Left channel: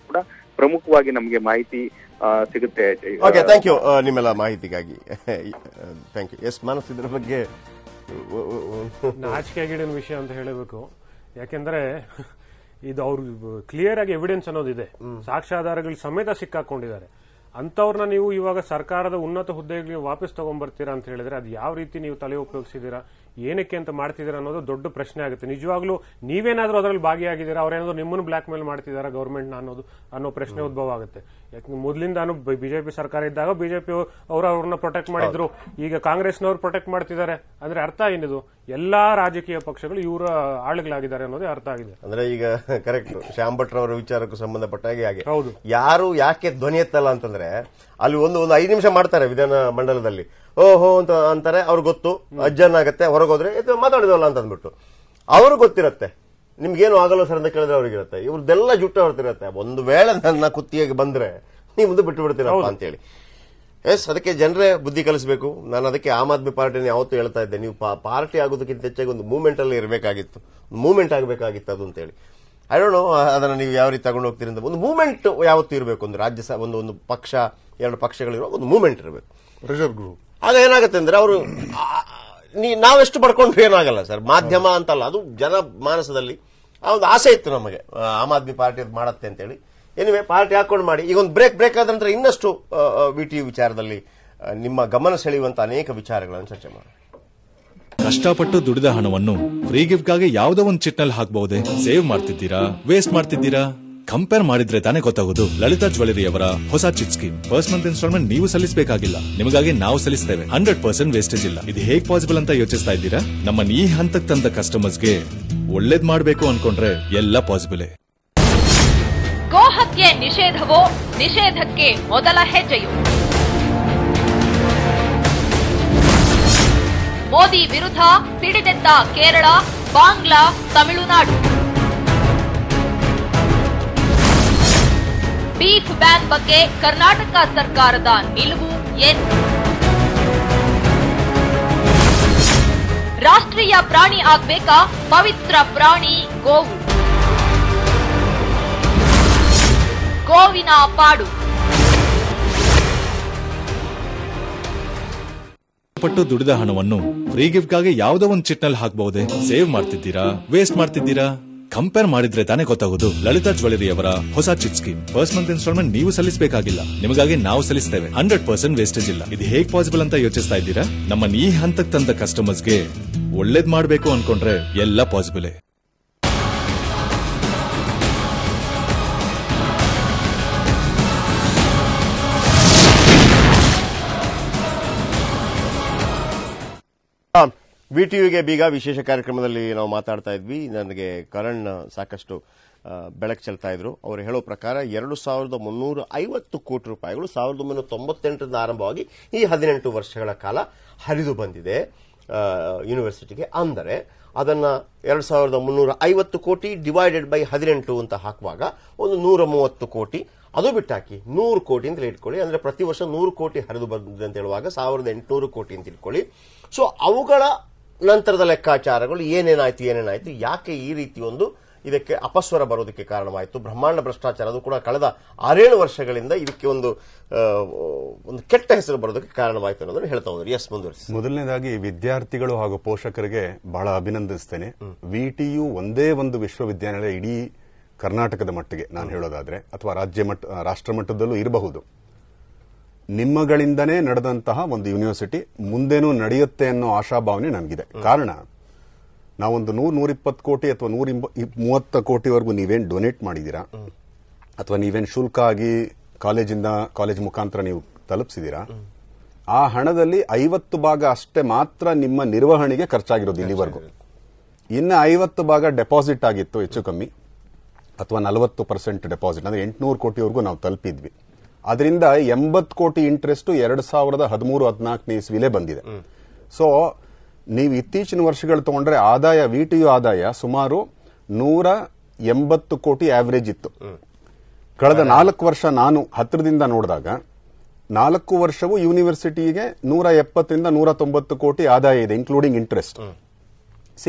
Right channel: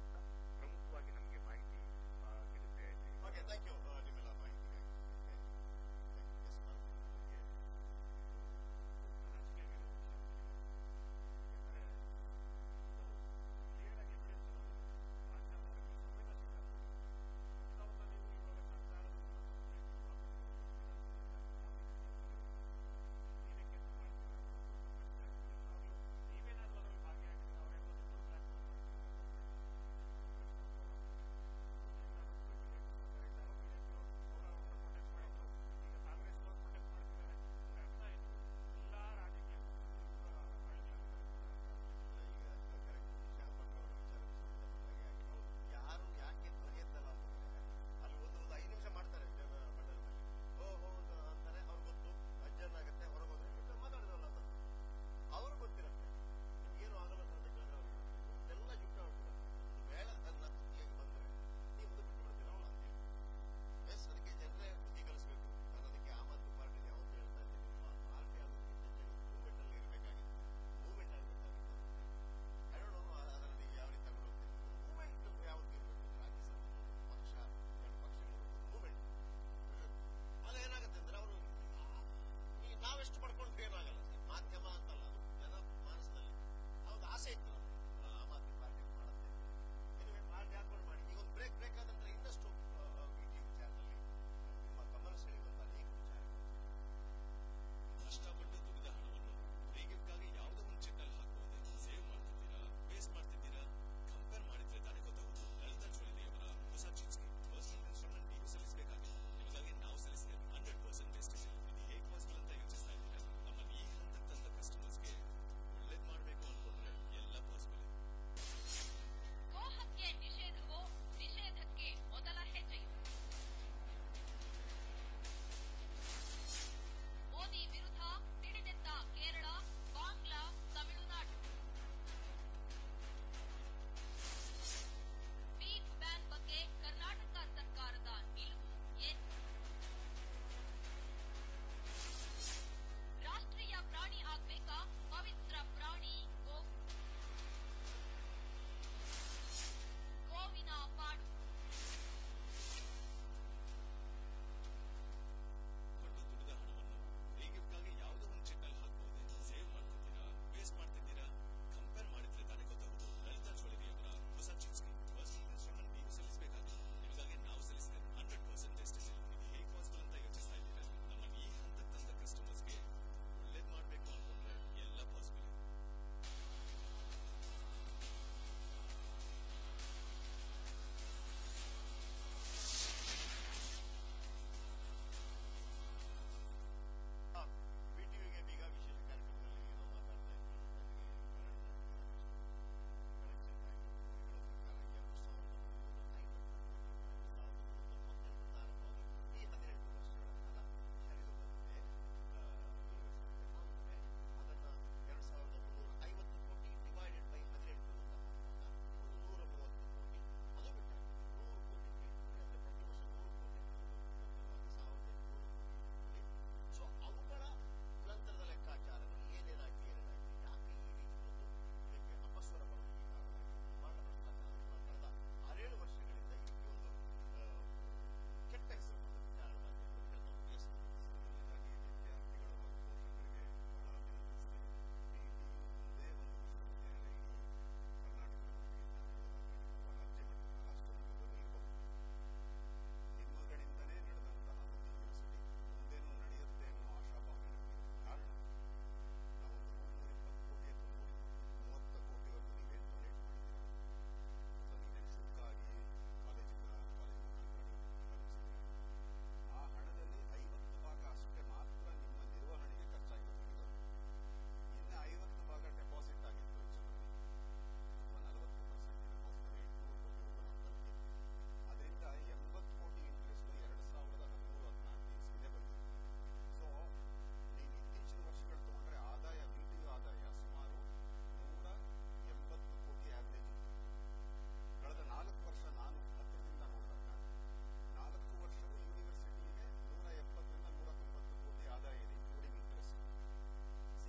ಕೂಡ ಪ್ರಮುಖವಾಗಿ ನಮಗೆ ಮಾಹಿತಿ ಸಿಗುತ್ತೆ. ಓಕೆ, ಥ್ಯಾಂಕ್ ಯು ನಿಮ್ಮೆಲ್ಲ ಮಾಹಿತಿಗಾಗಿ. Thank you. ಎಸ್ ಮಾನಸ್, ಇದ್ರ ಬಗ್ಗೆ ನಾಚಿಕೆಗೇಡಿನ ವಿಷಯ ಅಂತ ಹೇಳಬೇಕು. ಯಾಕೆಂದ್ರೆ ಇದು ಅವ್ರು ಕ್ಲಿಯರ್ ಆಗಿ ಎವಿಡೆನ್ಸ್ ಅನ್ನೋದಿದೆ, ಸಾಕ್ಷ್ಯಾಧಾರಗಳು ಸಮೇತ ಸಿಕ್ಕಾಕೊಂಡಿದ್ದಾರೆ. ಅಂತವ್ರನ್ನ ನೀವು ಇವಾಗ ಸರ್ಕಾರದ ಉನ್ನತ ಹುದ್ದೆಗೆ ವಾಪಸ್ ತಗೊಂಡ್ಬರ್ತೀರಾ ಅಂತ ಹೇಳಿದ್ರೆ ಅದು ಯಾವ ರೀತಿ ನೀವು ತಲೆ ಉಪಯೋಗಿಸಿದೀರಾ, ಏನಕ್ಕೆ ಅಂತ ಮಾಡ್ತಿದ್ದೀರಾ ಅನ್ನೋದು ದೊಡ್ಡ ಪ್ರಶ್ನೆ ಆಗುತ್ತೆ. ನಿಜವಾಗ್ಲೂ ನೀವೇನಾದ್ರೂ ಅದರಲ್ಲಿ ಭಾಗಿಯಾಗಿದ್ದೀರಾ, ಅವ್ರೇನಾದ್ರು ನಿಮ್ಮನ್ನು ಬ್ಲಾಕ್ ಮೇಲ್ ಮಾಡ್ತಿದಾರಾ ಗೌರ್ಮೆಂಟ್ ಅನ್ನೋ ಪ್ರಶ್ನೆ ಉದ್ಭವ ಆಗುತ್ತೆ. ಯಾಕಂದ್ರೆ ಮೊದಲಿಂದ ಬಿಜೆಪಿ ಸರ್ಕಾರ ಇದ್ದಾಗ ಬಿಜೆಪಿ ಅವ್ರನ್ನ ಪ್ರೊಟೆಕ್ಟ್ ಮಾಡಿದ್ರು, ಈಗ ಕಾಂಗ್ರೆಸ್ನವ್ರು ಪ್ರೊಟೆಕ್ಟ್ ಮಾಡ್ತಿದ್ದಾರೆ. ಅಂದ್ರೆ ಅರ್ಥ ಏನಿದು, ಎಲ್ಲಾ ರಾಜಕೀಯ ಪಕ್ಷಗಳು ಇವರ ಆಳುಗಳಾಗಿದ್ದಾರೆ ಅನ್ನೋದೇ ಅರ್ಥ ಆಗಿದೆ. ಅಂದ್ರೆ ಈಗ ಕರೆಕ್ಟ್ ಶ್ಯಾಮ್ ಭಟ್ ಅವರ ವಿಚಾರಕ್ಕೂ ಸಂಬಂಧಪಟ್ಟ ಹಾಗೆ ಹೌದು, ಯಾರು ಯಾಕೆ ಧ್ವನಿ ಎತ್ತಲ್ಲ ಅಂತಂದ್ರೆ ಅಲ್ಲಿ ಒಂದು 5 ನಿಮಿಷ ಮಾಡ್ತಾರೆ ವಿಧಾನ ಮಂಡಲದಲ್ಲಿ, ಓಹೋ ಅಂತ ಅಂತಾರೆ, ಅವ್ರಿಗೆ ಗೊತ್ತು, ಅಜ್ಜನಾಗತ್ತೆ, ಹೊರಗೋದ್ರೆ ಮಾತಾಡಿದವಲ್ಲ ಅಂತ ಅಂದ್ಬಿಟ್ಟು ಅವ್ರಿಗೆ ಗೊತ್ತಿರತ್ತೆ. ನಿಮ್ಗೇನು ಆಗಲ್ಲ ಸರ್ ಅಂತ ಕೇಳಿದ್ರೆ ಅವ್ರಿಗಿರುತ್ತೆ, ಇವ್ರದ್ದೆಲ್ಲ ಜುಟ್ಟು ಹೊರತಿರತ್ತೆ. ಒಂದು ವೇಳೆ ನನ್ನ ಕುತ್ತಿಗೆಗೆ ಬಂದ್ರೆ ನೀವು ಮುಂದೆ ಬಿಟ್ಟು ಬಿಡ್ತೀರಪ್ಪ ಅಂತೇಳಿ. ಎಸ್, ಅದಕ್ಕೆ ಜನರೇ ಬುದ್ಧಿ ಕಲಿಸಬೇಕು. ನಾನು ಅದಕ್ಕೆ ಆಮ್ ಆದ್ಮಿ ಪಾರ್ಟಿನ ಯಾವತ್ತೂ ಹೇಳ್ತಾ ಇದ್ದೆ, ನೀವು ಪಾರ್ಟಿ ಆಗೋದಕ್ಕಿಂತ ಹೆಚ್ಚಾಗಿ ಒಂದು ಮೂವ್ಮೆಂಟ್ ಅಲ್ಲಿ ಇರಬೇಕಾಗಿತ್ತು, ಮೂವ್ಮೆಂಟ್ ಆಗಬೇಕಾಗಿತ್ತು ಅದು ಅಂತೇಳಿ. ಐ ಡೋಂಟ್ ನೋ ಅದನ್ನ ನೀವು ಯಾವ ರೀತಿ ತಗೊಂಡು ಹೋಗ್ತೀರಿ ಅಂತ. ಒಂದು ಮೂವ್ಮೆಂಟ್ ಯಾವತ್ತೂ ಇರಬೇಕು. ಒಂದು ರಾಜ್ಯ ಒಂದು ಪಕ್ಷ, 2 ಪಕ್ಷಗಳಿರೋ ಒಂದು ಮೂವ್ಮೆಂಟ್ ಇರಬೇಕು. ಪ್ರೆಷರ್ ಗ್ರೂಪ್ ಆಗ ಏನಾಗುತ್ತೆ ಅಂದ್ರೆ ಅವರು ನಾವೆಷ್ಟು ಪಡ್ಕೊಂಡ್ರೆ ಏನಾಗಲ್ಲ ಸರ್, ಮಾಧ್ಯಮ ಅಂತಲ್ಲ, ಅದು ಜನ ಮಾನಸದಲ್ಲಿ ಆ ಒಂದು ಆಸೆ ಇತ್ತು ನಮಗೆ, ಆಮ್ ಆದ್ಮಿ ಪಾರ್ಟಿ ಮಾಡತ್ತೆ ಅಂತೇಳಿ. ಎನಿವೆ, ಪಾರ್ಟಿ ಹಾಕೊಂಡು ಮಾಡಿ. ಈಗ ಒಂದು ಬ್ರೇಕ್ ಆದ ನಂತರ ಇನ್ನಷ್ಟು ವಿಟಿಯು ವಿಚಾರದಲ್ಲಿ ನಿಮ್ಮ ಗಮನ ಸೆಳೆಯುವಂತ ಅನೇಕ ವಿಚಾರಗಳನ್ನು ಚರ್ಚೆ ಮಾಡಿ. ಕಷ್ಟಪಟ್ಟು ದುಡಿದ ಹಣವನ್ನು ಫ್ರೀ ಗಿಫ್ಟ್ಗಾಗಿ ಯಾವುದೋ ಒಂದು ಚಿಟ್ನಲ್ಲಿ ಹಾಕಬಹುದೇ? ಸೇವ್ ಮಾಡ್ತಿದ್ದೀರಾ, ವೇಸ್ಟ್ ಮಾಡ್ತಿದ್ದೀರಾ? ಕಂಪೇರ್ ಮಾಡಿದ್ರೆ ತಾನೇ ಗೊತ್ತಾಗೋದು. ಲಲಿತಾ ಜ್ಯುವೆಲರಿ ಅವರ ಹೊಸ chit scheme. First month instalment ನೀವು ಸಲ್ಲಿಸಬೇಕಾಗಿಲ್ಲ, ನಿಮಗಾಗಿ ನಾವು ಸಲ್ಲಿಸ್ತೇವೆ. 100% ವೇಸ್ಟೇಜ್ ಇಲ್ಲ. ಇದು ಹೇಗ್ ಪಾಸಿಬಲ್ ಅಂತ ಯೋಚಿಸ್ತಾ ಇದ್ದೀರಾ? ನಮ್ಮನ್ನ ಈ ಹಂತಕ್ಕೆ ತಂದ ಕಸ್ಟಮರ್ಸ್ಗೆ ಒಳ್ಳೇದ್ ಮಾಡಬೇಕು ಅನ್ಕೊಂಡ್ರೆ ಎಲ್ಲ ಪಾಸಿಬಲ್. ಗೋಹತ್ಯೆ ನಿಷೇಧವೋ, ನಿಷೇಧಕ್ಕೆ ಮೊದಲ ಹೆಜ್ಜೆಯು. ಮೋದಿ ವಿರುದ್ಧ ಸಿಡಿದೆದ್ದ ಕೇರಳ, ಬಾಂಗ್ಲಾ, ತಮಿಳುನಾಡು. ಬೀಫ್ ಬ್ಯಾನ್ ಬಗ್ಗೆ ಕರ್ನಾಟಕ ಸರ್ಕಾರದ ನಿಲುವು ಏನು? ರಾಷ್ಟ್ರೀಯ ಪ್ರಾಣಿ ಆಗ್ಬೇಕಾ ಪವಿತ್ರ ಪ್ರಾಣಿ ಗೋವು? ಗೋವಿನ ಪಾಡು. ಪಟ್ಟು ದುಡಿದ ಹಣವನ್ನು ಫ್ರೀ ಗಿಫ್ಟ್ಗಾಗಿ ಯಾವುದೋ ಒಂದು ಚಿಟ್ನಲ್ಲಿ ಹಾಕಬಹುದೇ? ಸೇವ್ ಮಾಡ್ತಿದ್ದೀರಾ, ವೇಸ್ಟ್ ಮಾಡ್ತಿದ್ದೀರಾ? ಕಂಪೇರ್ ಮಾಡಿದ್ರೆ ತಾನೇ ಗೊತ್ತಾಗೋದು. ಲಲಿತಾ ಜ್ಯುವೆಲರಿ ಅವರ ಹೊಸ chit scheme. First month instalment ನೀವು ಸಲ್ಲಿಸಬೇಕಾಗಿಲ್ಲ, ನಿಮಗಾಗಿ ನಾವು ಸಲ್ಲಿಸ್ತೇವೆ. 100% ವೇಸ್ಟೇಜ್ ಇಲ್ಲ. ಇದು ಹೇಗ್ ಪಾಸಿಬಲ್ ಅಂತ ಯೋಚಿಸ್ತಾ ಇದ್ದೀರಾ? ನಮ್ಮನ್ನ ಈ ಹಂತಕ್ಕೆ ತಂದ ಕಸ್ಟಮರ್ಸ್ಗೆ ಒಳ್ಳೇದ್ ಮಾಡಬೇಕು ಅನ್ಕೊಂಡ್ರೆ ಎಲ್ಲ ಪಾಸಿಬಲ್. ವಿಟಿಯುಗೆ ಬೀಗ ವಿಶೇಷ ಕಾರ್ಯಕ್ರಮದಲ್ಲಿ ನಾವು ಮಾತಾಡ್ತಾ ಇದ್ವಿ. ನನಗೆ ಕರಣ್ ಸಾಕಷ್ಟು ಬೆಳಕು ಚೆಲ್ತಾ ಇದ್ರು. ಅವರು ಹೇಳೋ ಪ್ರಕಾರ 2350 ಕೋಟಿ ರೂಪಾಯಿಗಳು 1998ರಿಂದ ಆರಂಭವಾಗಿ ಈ 18 ವರ್ಷಗಳ ಕಾಲ ಹರಿದು ಬಂದಿದೆ ಯೂನಿವರ್ಸಿಟಿಗೆ. ಅಂದರೆ ಅದನ್ನ 2350 ಕೋಟಿ ಡಿವೈಡೆಡ್ ಬೈ 18 ಅಂತ ಹಾಕುವಾಗ ಒಂದು 130 ಕೋಟಿ, ಅದು ಬಿಟ್ಟಾಕಿ 100 ಕೋಟಿ ಅಂತ ಇಟ್ಕೊಳ್ಳಿ. ಅಂದ್ರೆ ಪ್ರತಿ ವರ್ಷ 100 ಕೋಟಿ ಹರಿದು ಬಂದಿದೆ ಅಂತ ಹೇಳುವಾಗ 1800 ಕೋಟಿ ಅಂತ ಇಟ್ಕೊಳ್ಳಿ. ಸೊ ಅವುಗಳ ನಂತರದ ಲೆಕ್ಕಾಚಾರಗಳು ಏನೇನಾಯ್ತು, ಯಾಕೆ ಈ ರೀತಿ ಒಂದು ಇದಕ್ಕೆ ಅಪಸ್ವರ ಬರೋದಕ್ಕೆ ಕಾರಣವಾಯಿತು, ಬ್ರಹ್ಮಾಂಡ ಭ್ರಷ್ಟಾಚಾರ, ಅದು ಕೂಡ ಕಳೆದ 6-7 ವರ್ಷಗಳಿಂದ ಇದಕ್ಕೆ ಒಂದು ಕೆಟ್ಟ ಹೆಸರು ಬರೋದಕ್ಕೆ ಕಾರಣವಾಯಿತು ಅನ್ನೋದನ್ನು ಹೇಳ್ತಾ ಹೋದ್ರು. ಎಸ್, ಮುಂದುವರಿಸಿ. ಮೊದಲನೇದಾಗಿ ವಿದ್ಯಾರ್ಥಿಗಳು ಹಾಗೂ ಪೋಷಕರಿಗೆ ಬಹಳ ಅಭಿನಂದಿಸ್ತೇನೆ. ವಿಟಿಯು ಒಂದೇ ಒಂದು ವಿಶ್ವವಿದ್ಯಾನಿಲಯ ಇಡೀ ಕರ್ನಾಟಕದ ಮಟ್ಟಿಗೆ ನಾನು ಹೇಳೋದಾದ್ರೆ, ಅಥವಾ ರಾಷ್ಟ್ರ ಮಟ್ಟದಲ್ಲೂ ಇರಬಹುದು, ನಿಮ್ಮಗಳಿಂದನೇ ನಡೆದಂತಹ ಒಂದು ಯೂನಿವರ್ಸಿಟಿ ಮುಂದೇನೂ ನಡೆಯುತ್ತೆ ಅನ್ನೋ ಆಶಾಭಾವನೆ ನನಗಿದೆ. ಕಾರಣ, ನಾವೊಂದು 100-120 ಕೋಟಿ ಅಥವಾ 130 ಕೋಟಿವರೆಗೂ ನೀವೇನು ಡೊನೇಟ್ ಮಾಡಿದೀರಾ, ಅಥವಾ ನೀವೇನು ಶುಲ್ಕ ಆಗಿ ಕಾಲೇಜ್ ಮುಖಾಂತರ ನೀವು ತಲುಪಿಸಿದೀರಾ, ಆ ಹಣದಲ್ಲಿ 50 ಭಾಗ ಅಷ್ಟೇ ಮಾತ್ರ ನಿಮ್ಮ ನಿರ್ವಹಣೆಗೆ ಖರ್ಚಾಗಿರೋದು ಇಲ್ಲಿವರೆಗೂ. ಇನ್ನು 50 ಭಾಗ ಡೆಪಾಸಿಟ್ ಆಗಿತ್ತು ಹೆಚ್ಚು ಕಮ್ಮಿ, ಅಥವಾ 40% ಡೆಪಾಸಿಟ್, ಅಂದ್ರೆ 800 ಕೋಟಿವರೆಗೂ ನಾವು ತಲುಪಿದ್ವಿ. ಅದರಿಂದ 80 ಕೋಟಿ ಇಂಟ್ರೆಸ್ಟ್ 2013-14 ಇಸ್ವಿಲೇ ಬಂದಿದೆ. ಸೊ ನೀವು ಇತ್ತೀಚಿನ ವರ್ಷಗಳು ತಗೊಂಡ್ರೆ ವಿಟಿಯು ಆದಾಯ ಸುಮಾರು 180 ಕೋಟಿ ಆವರೇಜ್ ಇತ್ತು. ಕಳೆದ 4 ವರ್ಷ ನಾನು ಹತ್ತಿರದಿಂದ ನೋಡಿದಾಗ 4 ವರ್ಷವೂ ಯೂನಿವರ್ಸಿಟಿಗೆ 170-190 ಕೋಟಿ ಆದಾಯ ಇದೆ, ಇನ್ಕ್ಲೂಡಿಂಗ್ ಇಂಟ್ರೆಸ್ಟ್.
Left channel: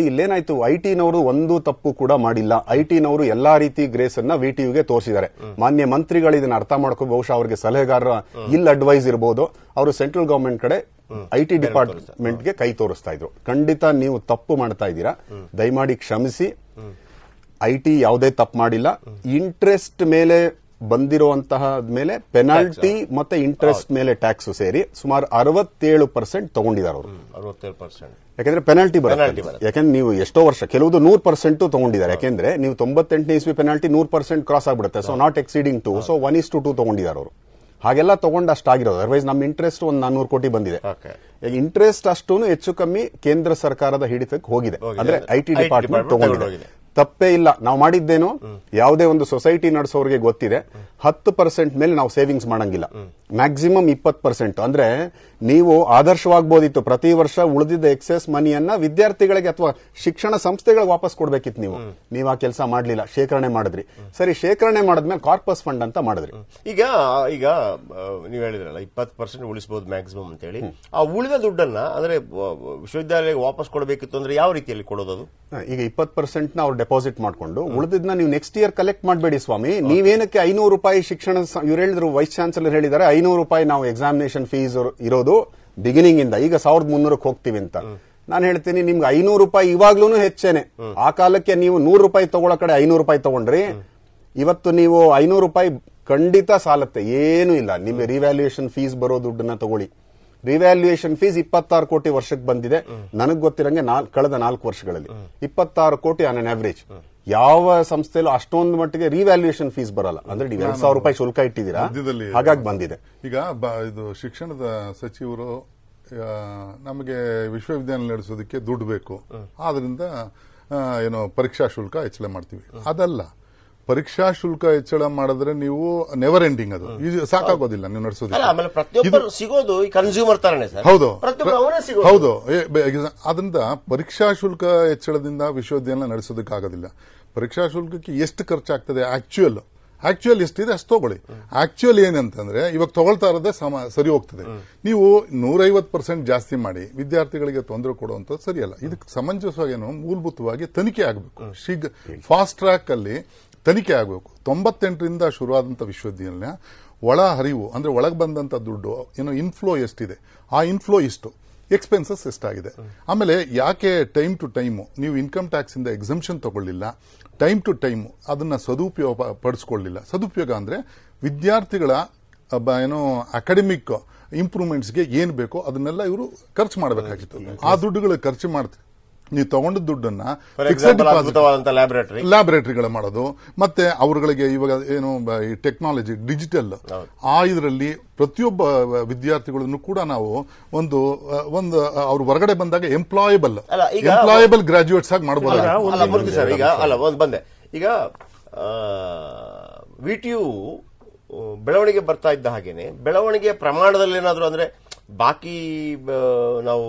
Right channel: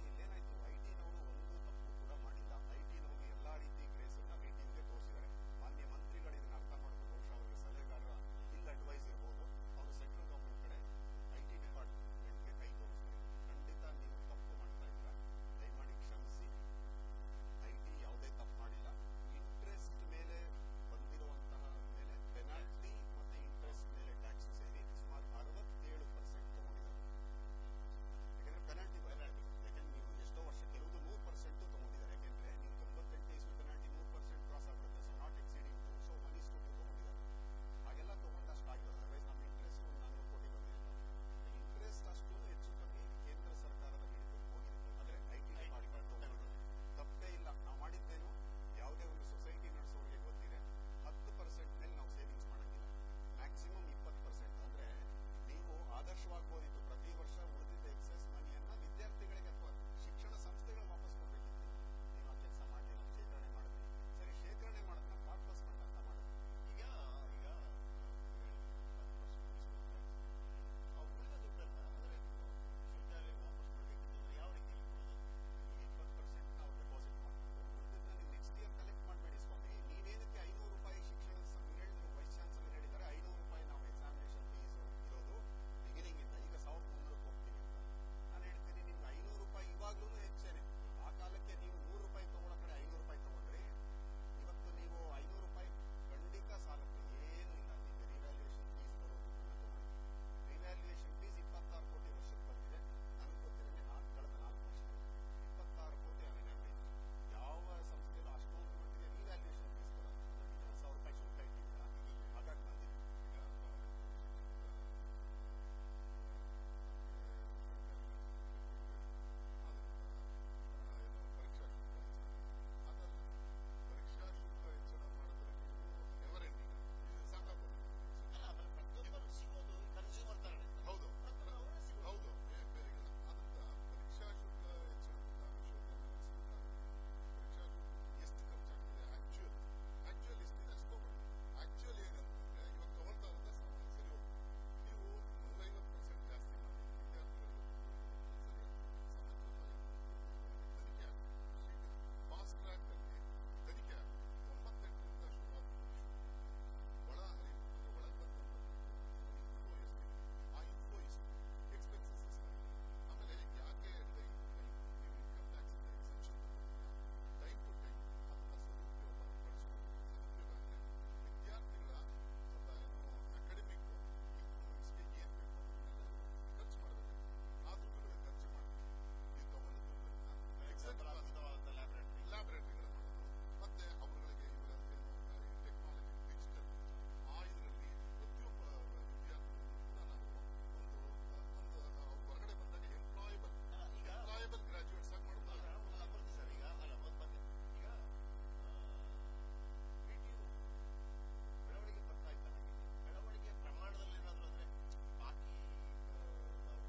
ಇಲ್ಲೇನಾಯ್ತು, IT ನವರು ಒಂದು ತಪ್ಪು ಕೂಡ ಮಾಡಿಲ್ಲ. IT ನವರು ಎಲ್ಲಾ ರೀತಿ ಗ್ರೇಸ್ ಅನ್ನ VTUಗೆ ತೋರಿಸಿದ್ದಾರೆ. ಮಾನ್ಯ ಮಂತ್ರಿಗಳು ಇದನ್ನ ಅರ್ಥ ಮಾಡ್ಕೋ, ಬಹುಶಃ ಅವರಿಗೆ ಸಲಹೆಗಾರರ ಅಡ್ವೈಸ್ ಇರಬಹುದು. ಅವರು ಸೆಂಟ್ರಲ್ ಗವರ್ಮೆಂಟ್ ಕಡೆ IT ಡಿಪಾರ್ಟ್ಮೆಂಟ್ಗೆ ಕೈ ತೋರಿಸ್ತಾ ಇದ್ರು. ಖಂಡಿತ ನೀವು ತಪ್ಪು ಮಾಡ್ತಾ ಇದ್ದೀರಾ, ದಯಮಾಡಿ ಕ್ಷಮಿಸಿ. IT ಯಾವುದೇ ತಪ್ಪು ಮಾಡಿಲ್ಲ. ಇಂಟ್ರೆಸ್ಟ್ ಮೇಲೆ ಬಂದಿರುವಂತಹ ಮೇಲೆ ಪೆನಾಲ್ಟಿ ಮತ್ತೆ ಇಂಟ್ರೆಸ್ಟ್ ಮೇಲೆ ಟ್ಯಾಕ್ಸ್ ಸೇರಿ ಸುಮಾರು 67% ತಗೊಂಡಿದ್ದಾರೆ ಅವರು. 67%. ಯಾಕಂದ್ರೆ ಪೆನಾಲ್ಟಿ ಬರುತ್ತೆ. ಯಾಕಂದ್ರೆ ನೀವು ಎಷ್ಟೋ ವರ್ಷ, ಕೆಲವುದು 100% ತಗೊಂಡಿದ್ದಾರೆ. ಯಾಕಂದ್ರೆ ನೀವು 98ನೇ ಇಸ್ವಿ ಪೆನಾಲ್ಟಿ 100% ಕ್ರಾಸ್ ಆಗ್ಬಿಡುತ್ತೆ. ಸೊ ನಾಟ್ ಎಕ್ಸೀಡಿಂಗ್ 2, ಸೊ 1:2 ತಗೊಂಡಿದ್ದಾರೆ ಅವರು. ಹಾಗೆಲ್ಲ ತಗೊಂಡು ಅಷ್ಟಾಗಿರೋದು. ಅದರ್ವೈಸ್ ನಮ್ಮ ಇಂಟ್ರೆಸ್ಟ್ ಒಂದು 400 ಕೋಟಿ ಬಂದಿದೆ. ಇಂಟ್ರೆಸ್ಟ್ ಅಷ್ಟು ಹೆಚ್ಚು ಕಮ್ಮಿ ಕೇಂದ್ರ ಸರ್ಕಾರದ ಹಿಡಿತಕ್ಕೆ ಹೋಗಿದೆ, ಅಂದ್ರೆ IT ಡಿಪಾರ್ಟ್ಮೆಂಟ್ ತಗೊಂಡಿದೆ. ತಪ್ಪೇ ಇಲ್ಲ. ನಾವು ಮಾಡಿದ್ದೇನು, ಯಾವುದೇ ಒಂದು ಸೊಸೈಟಿ ನಡೆಸೋರಿಗೆ ಗೊತ್ತಿದೆ, 10% ಮೇಲೆ ನಾವು ಸೇವಿಂಗ್ಸ್ ಮಾಡಂಗಿಲ್ಲ, ಮ್ಯಾಕ್ಸಿಮಮ್ 20%. ಅಂದ್ರೆ ನೀವು ಆದರ್ಶವಾಗಬಹುದಿತ್ತು, ಪ್ರತಿ ವರ್ಷ ಉಳಿದಿದ್ದ ಎಕ್ಸೆಸ್ ಮನಿಯನ್ನ ವಿದ್ಯಾರ್ಥಿಗಳಿಗೆ ಅಥವಾ ಶಿಕ್ಷಣ ಸಂಸ್ಥೆಗಳಿಗೆ ವಾಪಸ್ ಕೊಡ್ಬೇಕಿತ್ತು. ನೀವು ಆ ಕೆಲಸ ಮಾಡಲಿಲ್ಲ, ಶೇಖರಣೆ ಮಾಡಿದ್ರಿ. ಸರಿ, ಶೇಖರಣೆ ಮಾಡಿದ್ಮೇಲೆ ಕಾರ್ಪಸ್ ಫಂಡ್ ಅಂತ ಮಾಡಿದ್ರಿ. ಈಗ ನೀವು ಹೇಳಿದ್ರಲ್ಲ 20% ಉಳಿಸಬಹುದು ಮ್ಯಾಕ್ಸಿಮಮ್ ಅಂತ ಹೇಳಿ, ಆ ಉಳಿದ ದುಡ್ಡನ್ನ ಅಂದ್ರೆ ವಿಶ್ವವಿದ್ಯಾಲಯಕ್ಕೆ ವಾಪಸ್ ಕೊಡಬೇಕಿತ್ತು ಅಂದ್ರೆ ಯಾವ ರೀತಿಯಲ್ಲಿ ಕೊಡೋದು? ಈಗ 20% ಅವ್ರು ಡೆಪಾಸಿಟ್ ಮಾಡ್ಕೊಂಡು ಉಳಿದಿದ್ನ ನೀವು ನೆಕ್ಸ್ಟ್ ಇಯರ್ ಕಲೆಕ್ಟ್ ಮಾಡಬೇಡಿ ಸ್ವಾಮಿ. ನೀವೇನಕ್ಕೆ 500 ರೂಪಾಯಿ ಶಿಕ್ಷಣ, ಇವ್ರು ಹೇಳಿದ್ರು, ವೈಸ್ ಚಾನ್ಸಲರ್ ಹೇಳಿದ್ದಾರೆ 500 ರೂಪಾಯಿ ನಾವು ಎಕ್ಸಾಮಿನೇಷನ್ ಫೀಸ್ ಇರೋದು ಬಿಗಿನಿಂಗ್ ಇಂದ, ಈಗ 1300 ಹೋಗ್ತೀವಿ ಅಂತ. ನಾನು ಹೇಳ್ತೀನಿ, ನಿಮ್ಗೆ 500 ರೂಪಾಯಿ ಇವಾಗ್ಲೂ ಹೆಚ್ಚೇನೆ. ಆ ಕಾಲಕ್ಕೆ ನೀವು 100 ರೂಪಾಯಿ ತಗೊಳ್ಳೋ ಕಡೆ 500 ರೂಪಾಯಿ ತಗೊಂಡ್ರಿ. ಇವತ್ತು ನೀವು 500 ರೂಪಾಯಿ ಖಂಡಿತ ಸಾಲತ್ತೆ, ಏನೂ ಇಲ್ಲ. ನಿಮ್ಗೆ ರಿವ್ಯಾಲ್ಯೂಯೇಷನ್ ಫೀಸ್ ಬರೋ ದುಡ್ಡನ್ನ ತಗೊಳ್ಳಿ. ರಿವ್ಯಾಲ್ಯೂಯೇಷನ್ ಫೀಸ್ 26 ಕೋಟಿ ವರ್ಷಕ್ಕೆ ಬಂದಿದೆ. ನನಗೆ ಗೊತ್ತಿರಂಗೆ ಕಳೆದ 4 ವರ್ಷಗಳಲ್ಲಿ 26 ಕೋಟಿ ಆನ್ ಅನ್ ಆವರೇಜ್. ಯಾವ ಸಂಸ್ಥೆಯಲ್ಲೂ ಅಷ್ಟೊಂದು ಮಟ್ಟಿಗೆ ರಿವ್ಯಾಲ್ಯೂಯೇಷನ್ ಫೀಸ್ ಬರಲ್ಲ. ಅಂದ್ರೆ ನೀವು 2,000 ರೂಪಾಯಿ ಶುಲ್ಕ ಇಟ್ಟಿದ್ದೀರಾ, ಹಾಗಾಗಿ ಬಂದಿದೆ. ಈಗ ಇದು ಶಿಕ್ಷಣದ ಸಚಿವರು ನಮಗೆ ವಿಶ್ವವಿದ್ಯಾಲಯ ನಡೆಸೋದಕ್ಕೆ ದುಡ್ಡು ಬೇಕು, ಆದ್ರಿಂದ ಏನೋ ಪರೀಕ್ಷಾ ಶುಲ್ಕ ಹೆಚ್ಚಳ ಮಾಡ್ತೀವಿ. ಅದಲ್ಲ, ಪರೀಕ್ಷಾ ಶುಲ್ಕ ಹೆಚ್ಚಳ ಮಾಡಿದ್ರೆ ನೀವು ನೆವರ್ ಎಂಡಿಂಗ್, ಅದು ಸಾಕಾಗೋದಿಲ್ಲ ನೀವು ನಡೆಸೋದು. ಸಿಗೋದು ಕನ್ಸ್ಯೂಮರ್ ತರನೇ ಸರ್. ಹೌದು ಹೌದು. ಅದರಿಂದ ಪರೀಕ್ಷಾ ಶುಲ್ಕ ಹೆಚ್ಚಳದಿಂದ ವಿಶ್ವವಿದ್ಯಾಲಯ ನಡೆಸೋದಕ್ಕಾಗೋದಿಲ್ಲ. ಪರೀಕ್ಷಾ ಶುಲ್ಕಕ್ಕೆ ಎಷ್ಟು ಖರ್ಚಾಗ್ತದೆ, ಆಕ್ಚುಯಲ್ ಎಷ್ಟಿದೆ ಅಷ್ಟು ತಗೊಳ್ಳಿ. ಆಕ್ಚುಯಲ್ ಏನಂತಂದ್ರೆ ಇವಾಗ ತಗೊಳ್ತಾ ಇರೋದೇ ಸರಿ ಹೋಗ್ತದೆ. ನೀವು 150% ಜಾಸ್ತಿ ಮಾಡಿ ವಿದ್ಯಾರ್ಥಿಗಳಿಗೆ ತೊಂದರೆ ಕೊಡುವಂಥದ್ದು ಸರಿಯಲ್ಲ. ಇದಕ್ಕೆ ಸಮಂಜಸವಾಗೇನು ಮೂಲಭೂತವಾಗಿ ತನಿಖೆ ಆಗಬೇಕು. ಫಾಸ್ಟ್ ಟ್ರ್ಯಾಕ್ ಅಲ್ಲಿ ತನಿಖೆ ಆಗಬೇಕು. 98ರಿಂದ ಶುರುವಾದಂಥ ವಿಶ್ವವಿದ್ಯಾಲಯ ಒಳ ಹರಿವು ಅಂದ್ರೆ ಒಳಗೆ ಬಂದಂತ ದುಡ್ಡು ಏನೋ ಇನ್ಫ್ಲೋ ಎಷ್ಟಿದೆ, ಆ ಇನ್ಫ್ಲೋ ಇಷ್ಟು, ಎಕ್ಸ್ಪೆನ್ಸಸ್ ಎಷ್ಟಾಗಿದೆ. ಆಮೇಲೆ ಯಾಕೆ ಟೈಮ್ ಟು ಟೈಮ್ ನೀವು ಇನ್ಕಮ್ ಟ್ಯಾಕ್ಸ್ ಇಂದ ಎಕ್ಸಂಪ್ಷನ್ ತಗೊಳ್ಳಿಲ್ಲ, ಟೈಮ್ ಟು ಟೈಮ್ ಅದನ್ನ ಸದುಪಯೋಗ ಪಡಿಸ್ಕೊಳ್ಳಿಲ್ಲ. ಸದುಪಯೋಗ ಅಂದ್ರೆ ವಿದ್ಯಾರ್ಥಿಗಳ ಏನೋ ಅಕಾಡೆಮಿಕ್ ಇಂಪ್ರೂವ್ಮೆಂಟ್ಸ್ಗೆ ಏನ್ ಬೇಕೋ ಅದನ್ನೆಲ್ಲ ಇವರು ಖರ್ಚು ಮಾಡಬೇಕಾಗಿತ್ತು. ಆ ದುಡ್ಡುಗಳು ಖರ್ಚು ಮಾಡ್ತಾರೆ. ನೀವು ತಗೊಂಡ ದುಡ್ಡನ್ನ ಲ್ಯಾಬೊರೇಟರಿಗಳ ಮಾಡೋದು, ಮತ್ತೆ ಅವರುಗಳಿಗೆ ಇವಾಗ ಏನು ಈ ಟೆಕ್ನಾಲಜಿ ಡಿಜಿಟಲ್ ಆ ಇದರಲ್ಲಿ ಪ್ರತಿಯೊಬ್ಬ ವಿದ್ಯಾರ್ಥಿಗಳನ್ನು ಕೂಡ ನಾವು ಒಂದು ಅವ್ರು ಹೊರಗಡೆ ಬಂದಾಗ ಎಂಪ್ಲಾಯಬಲ್ ಗ್ರಾಜುಯೇಟ್ಸ್ ಆಗಿ ಮಾಡಬಹುದು. ಈಗ VTU ಬೆಳವಣಿಗೆ ಬರ್ತಾ ಇದ್ದ ಹಾಗೇನೆ ಬೆಳವಣಿಗೆಯ ಪ್ರಮಾಣದಲ್ಲಿ ಏನಾದ್ರು ಅಂದ್ರೆ ಬಾಕಿ ನಾವು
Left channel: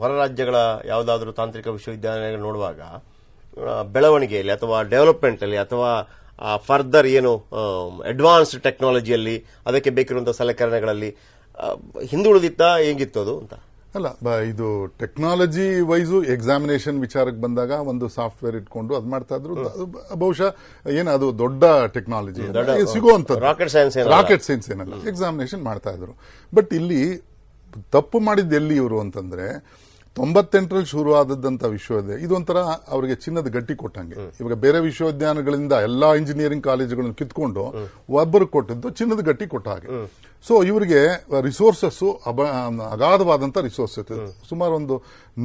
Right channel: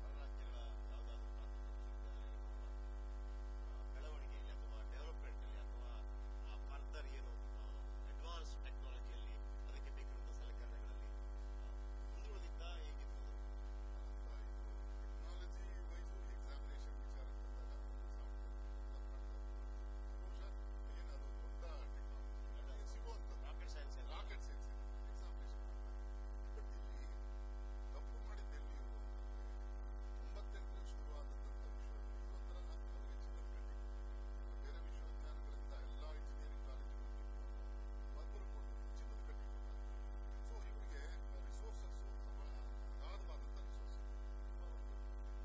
ಹೊರ ರಾಜ್ಯಗಳ ಯಾವುದಾದ್ರೂ ತಾಂತ್ರಿಕ ವಿಶ್ವವಿದ್ಯಾಲಯಗಳು ನೋಡುವಾಗ ಬೆಳವಣಿಗೆಯಲ್ಲಿ ಅಥವಾ ಡೆವಲಪ್ಮೆಂಟ್ ಅಲ್ಲಿ ಅಥವಾ ಫರ್ದರ್ ಏನು ಅಡ್ವಾನ್ಸ್ಡ್ ಟೆಕ್ನಾಲಜಿಯಲ್ಲಿ ಅದಕ್ಕೆ ಬೇಕಿರುವಂತಹ ಸಲಕರಣೆಗಳಲ್ಲಿ ಹಿಂದುಳಿದಿತ್ತ ಹೇಗಿತ್ತು ಅದು ಅಂತ? ಅಲ್ಲ, ಇದು ಟೆಕ್ನಾಲಜಿ ವೈಸು ಎಕ್ಸಾಮಿನೇಷನ್ ವಿಚಾರಕ್ಕೆ ಬಂದಾಗ ಒಂದು ಸಾಫ್ಟ್ವೇರ್ ಇಟ್ಕೊಂಡು ಅದ್ ಮಾಡ್ತಾ ಇದ್ರು. ಬಹುಶಃ ಏನದು ದೊಡ್ಡ ಟೆಕ್ನಾಲಜಿ ಸಿಗುವಂತದ್ದು, ರಾಕೆಟ್ ಸೈನ್ಸ್ ಏನಲ್ಲ, ಎಕ್ಸಾಮಿನೇಷನ್ ಮಾಡ್ತಾ ಇದ್ರು. ಬಟ್ ಇಲ್ಲಿ ತಪ್ಪು ಮಾಡಿದ್ದು ಎಲ್ಲಿ ಇವರು ಅಂತಂದ್ರೆ 98ರಲ್ಲಿ ಶುರು ಆದದ್ದಂತ ವಿಶ್ವವಿದ್ಯಾಲಯ ಇದೊಂಥರ ಅವರಿಗೆ ಚಿನ್ನದ ಗಟ್ಟಿ ಕೊಟ್ಟಂಗೆ. ಇವಾಗ ಬೇರೆ ವಿಶ್ವವಿದ್ಯಾಲಯಗಳಿಂದ ಎಲ್ಲಾ ಇಂಜಿನಿಯರಿಂಗ್ ಕಾಲೇಜುಗಳನ್ನು ಕಿತ್ಕೊಂಡು ಒಬ್ಬರು ಕೊಟ್ಟದ್ದು ಚಿನ್ನದ ಗಟ್ಟಿ ಕೊಟ್ಟ ಹಾಗೆ. ಸೊ ಇವರಿಗೆ ರಿಸೋರ್ಸಸ್ ಅಗಾಧವಾದಂತ ರಿಸೋರ್ಸಸ್ ಸುಮಾರು ಒಂದು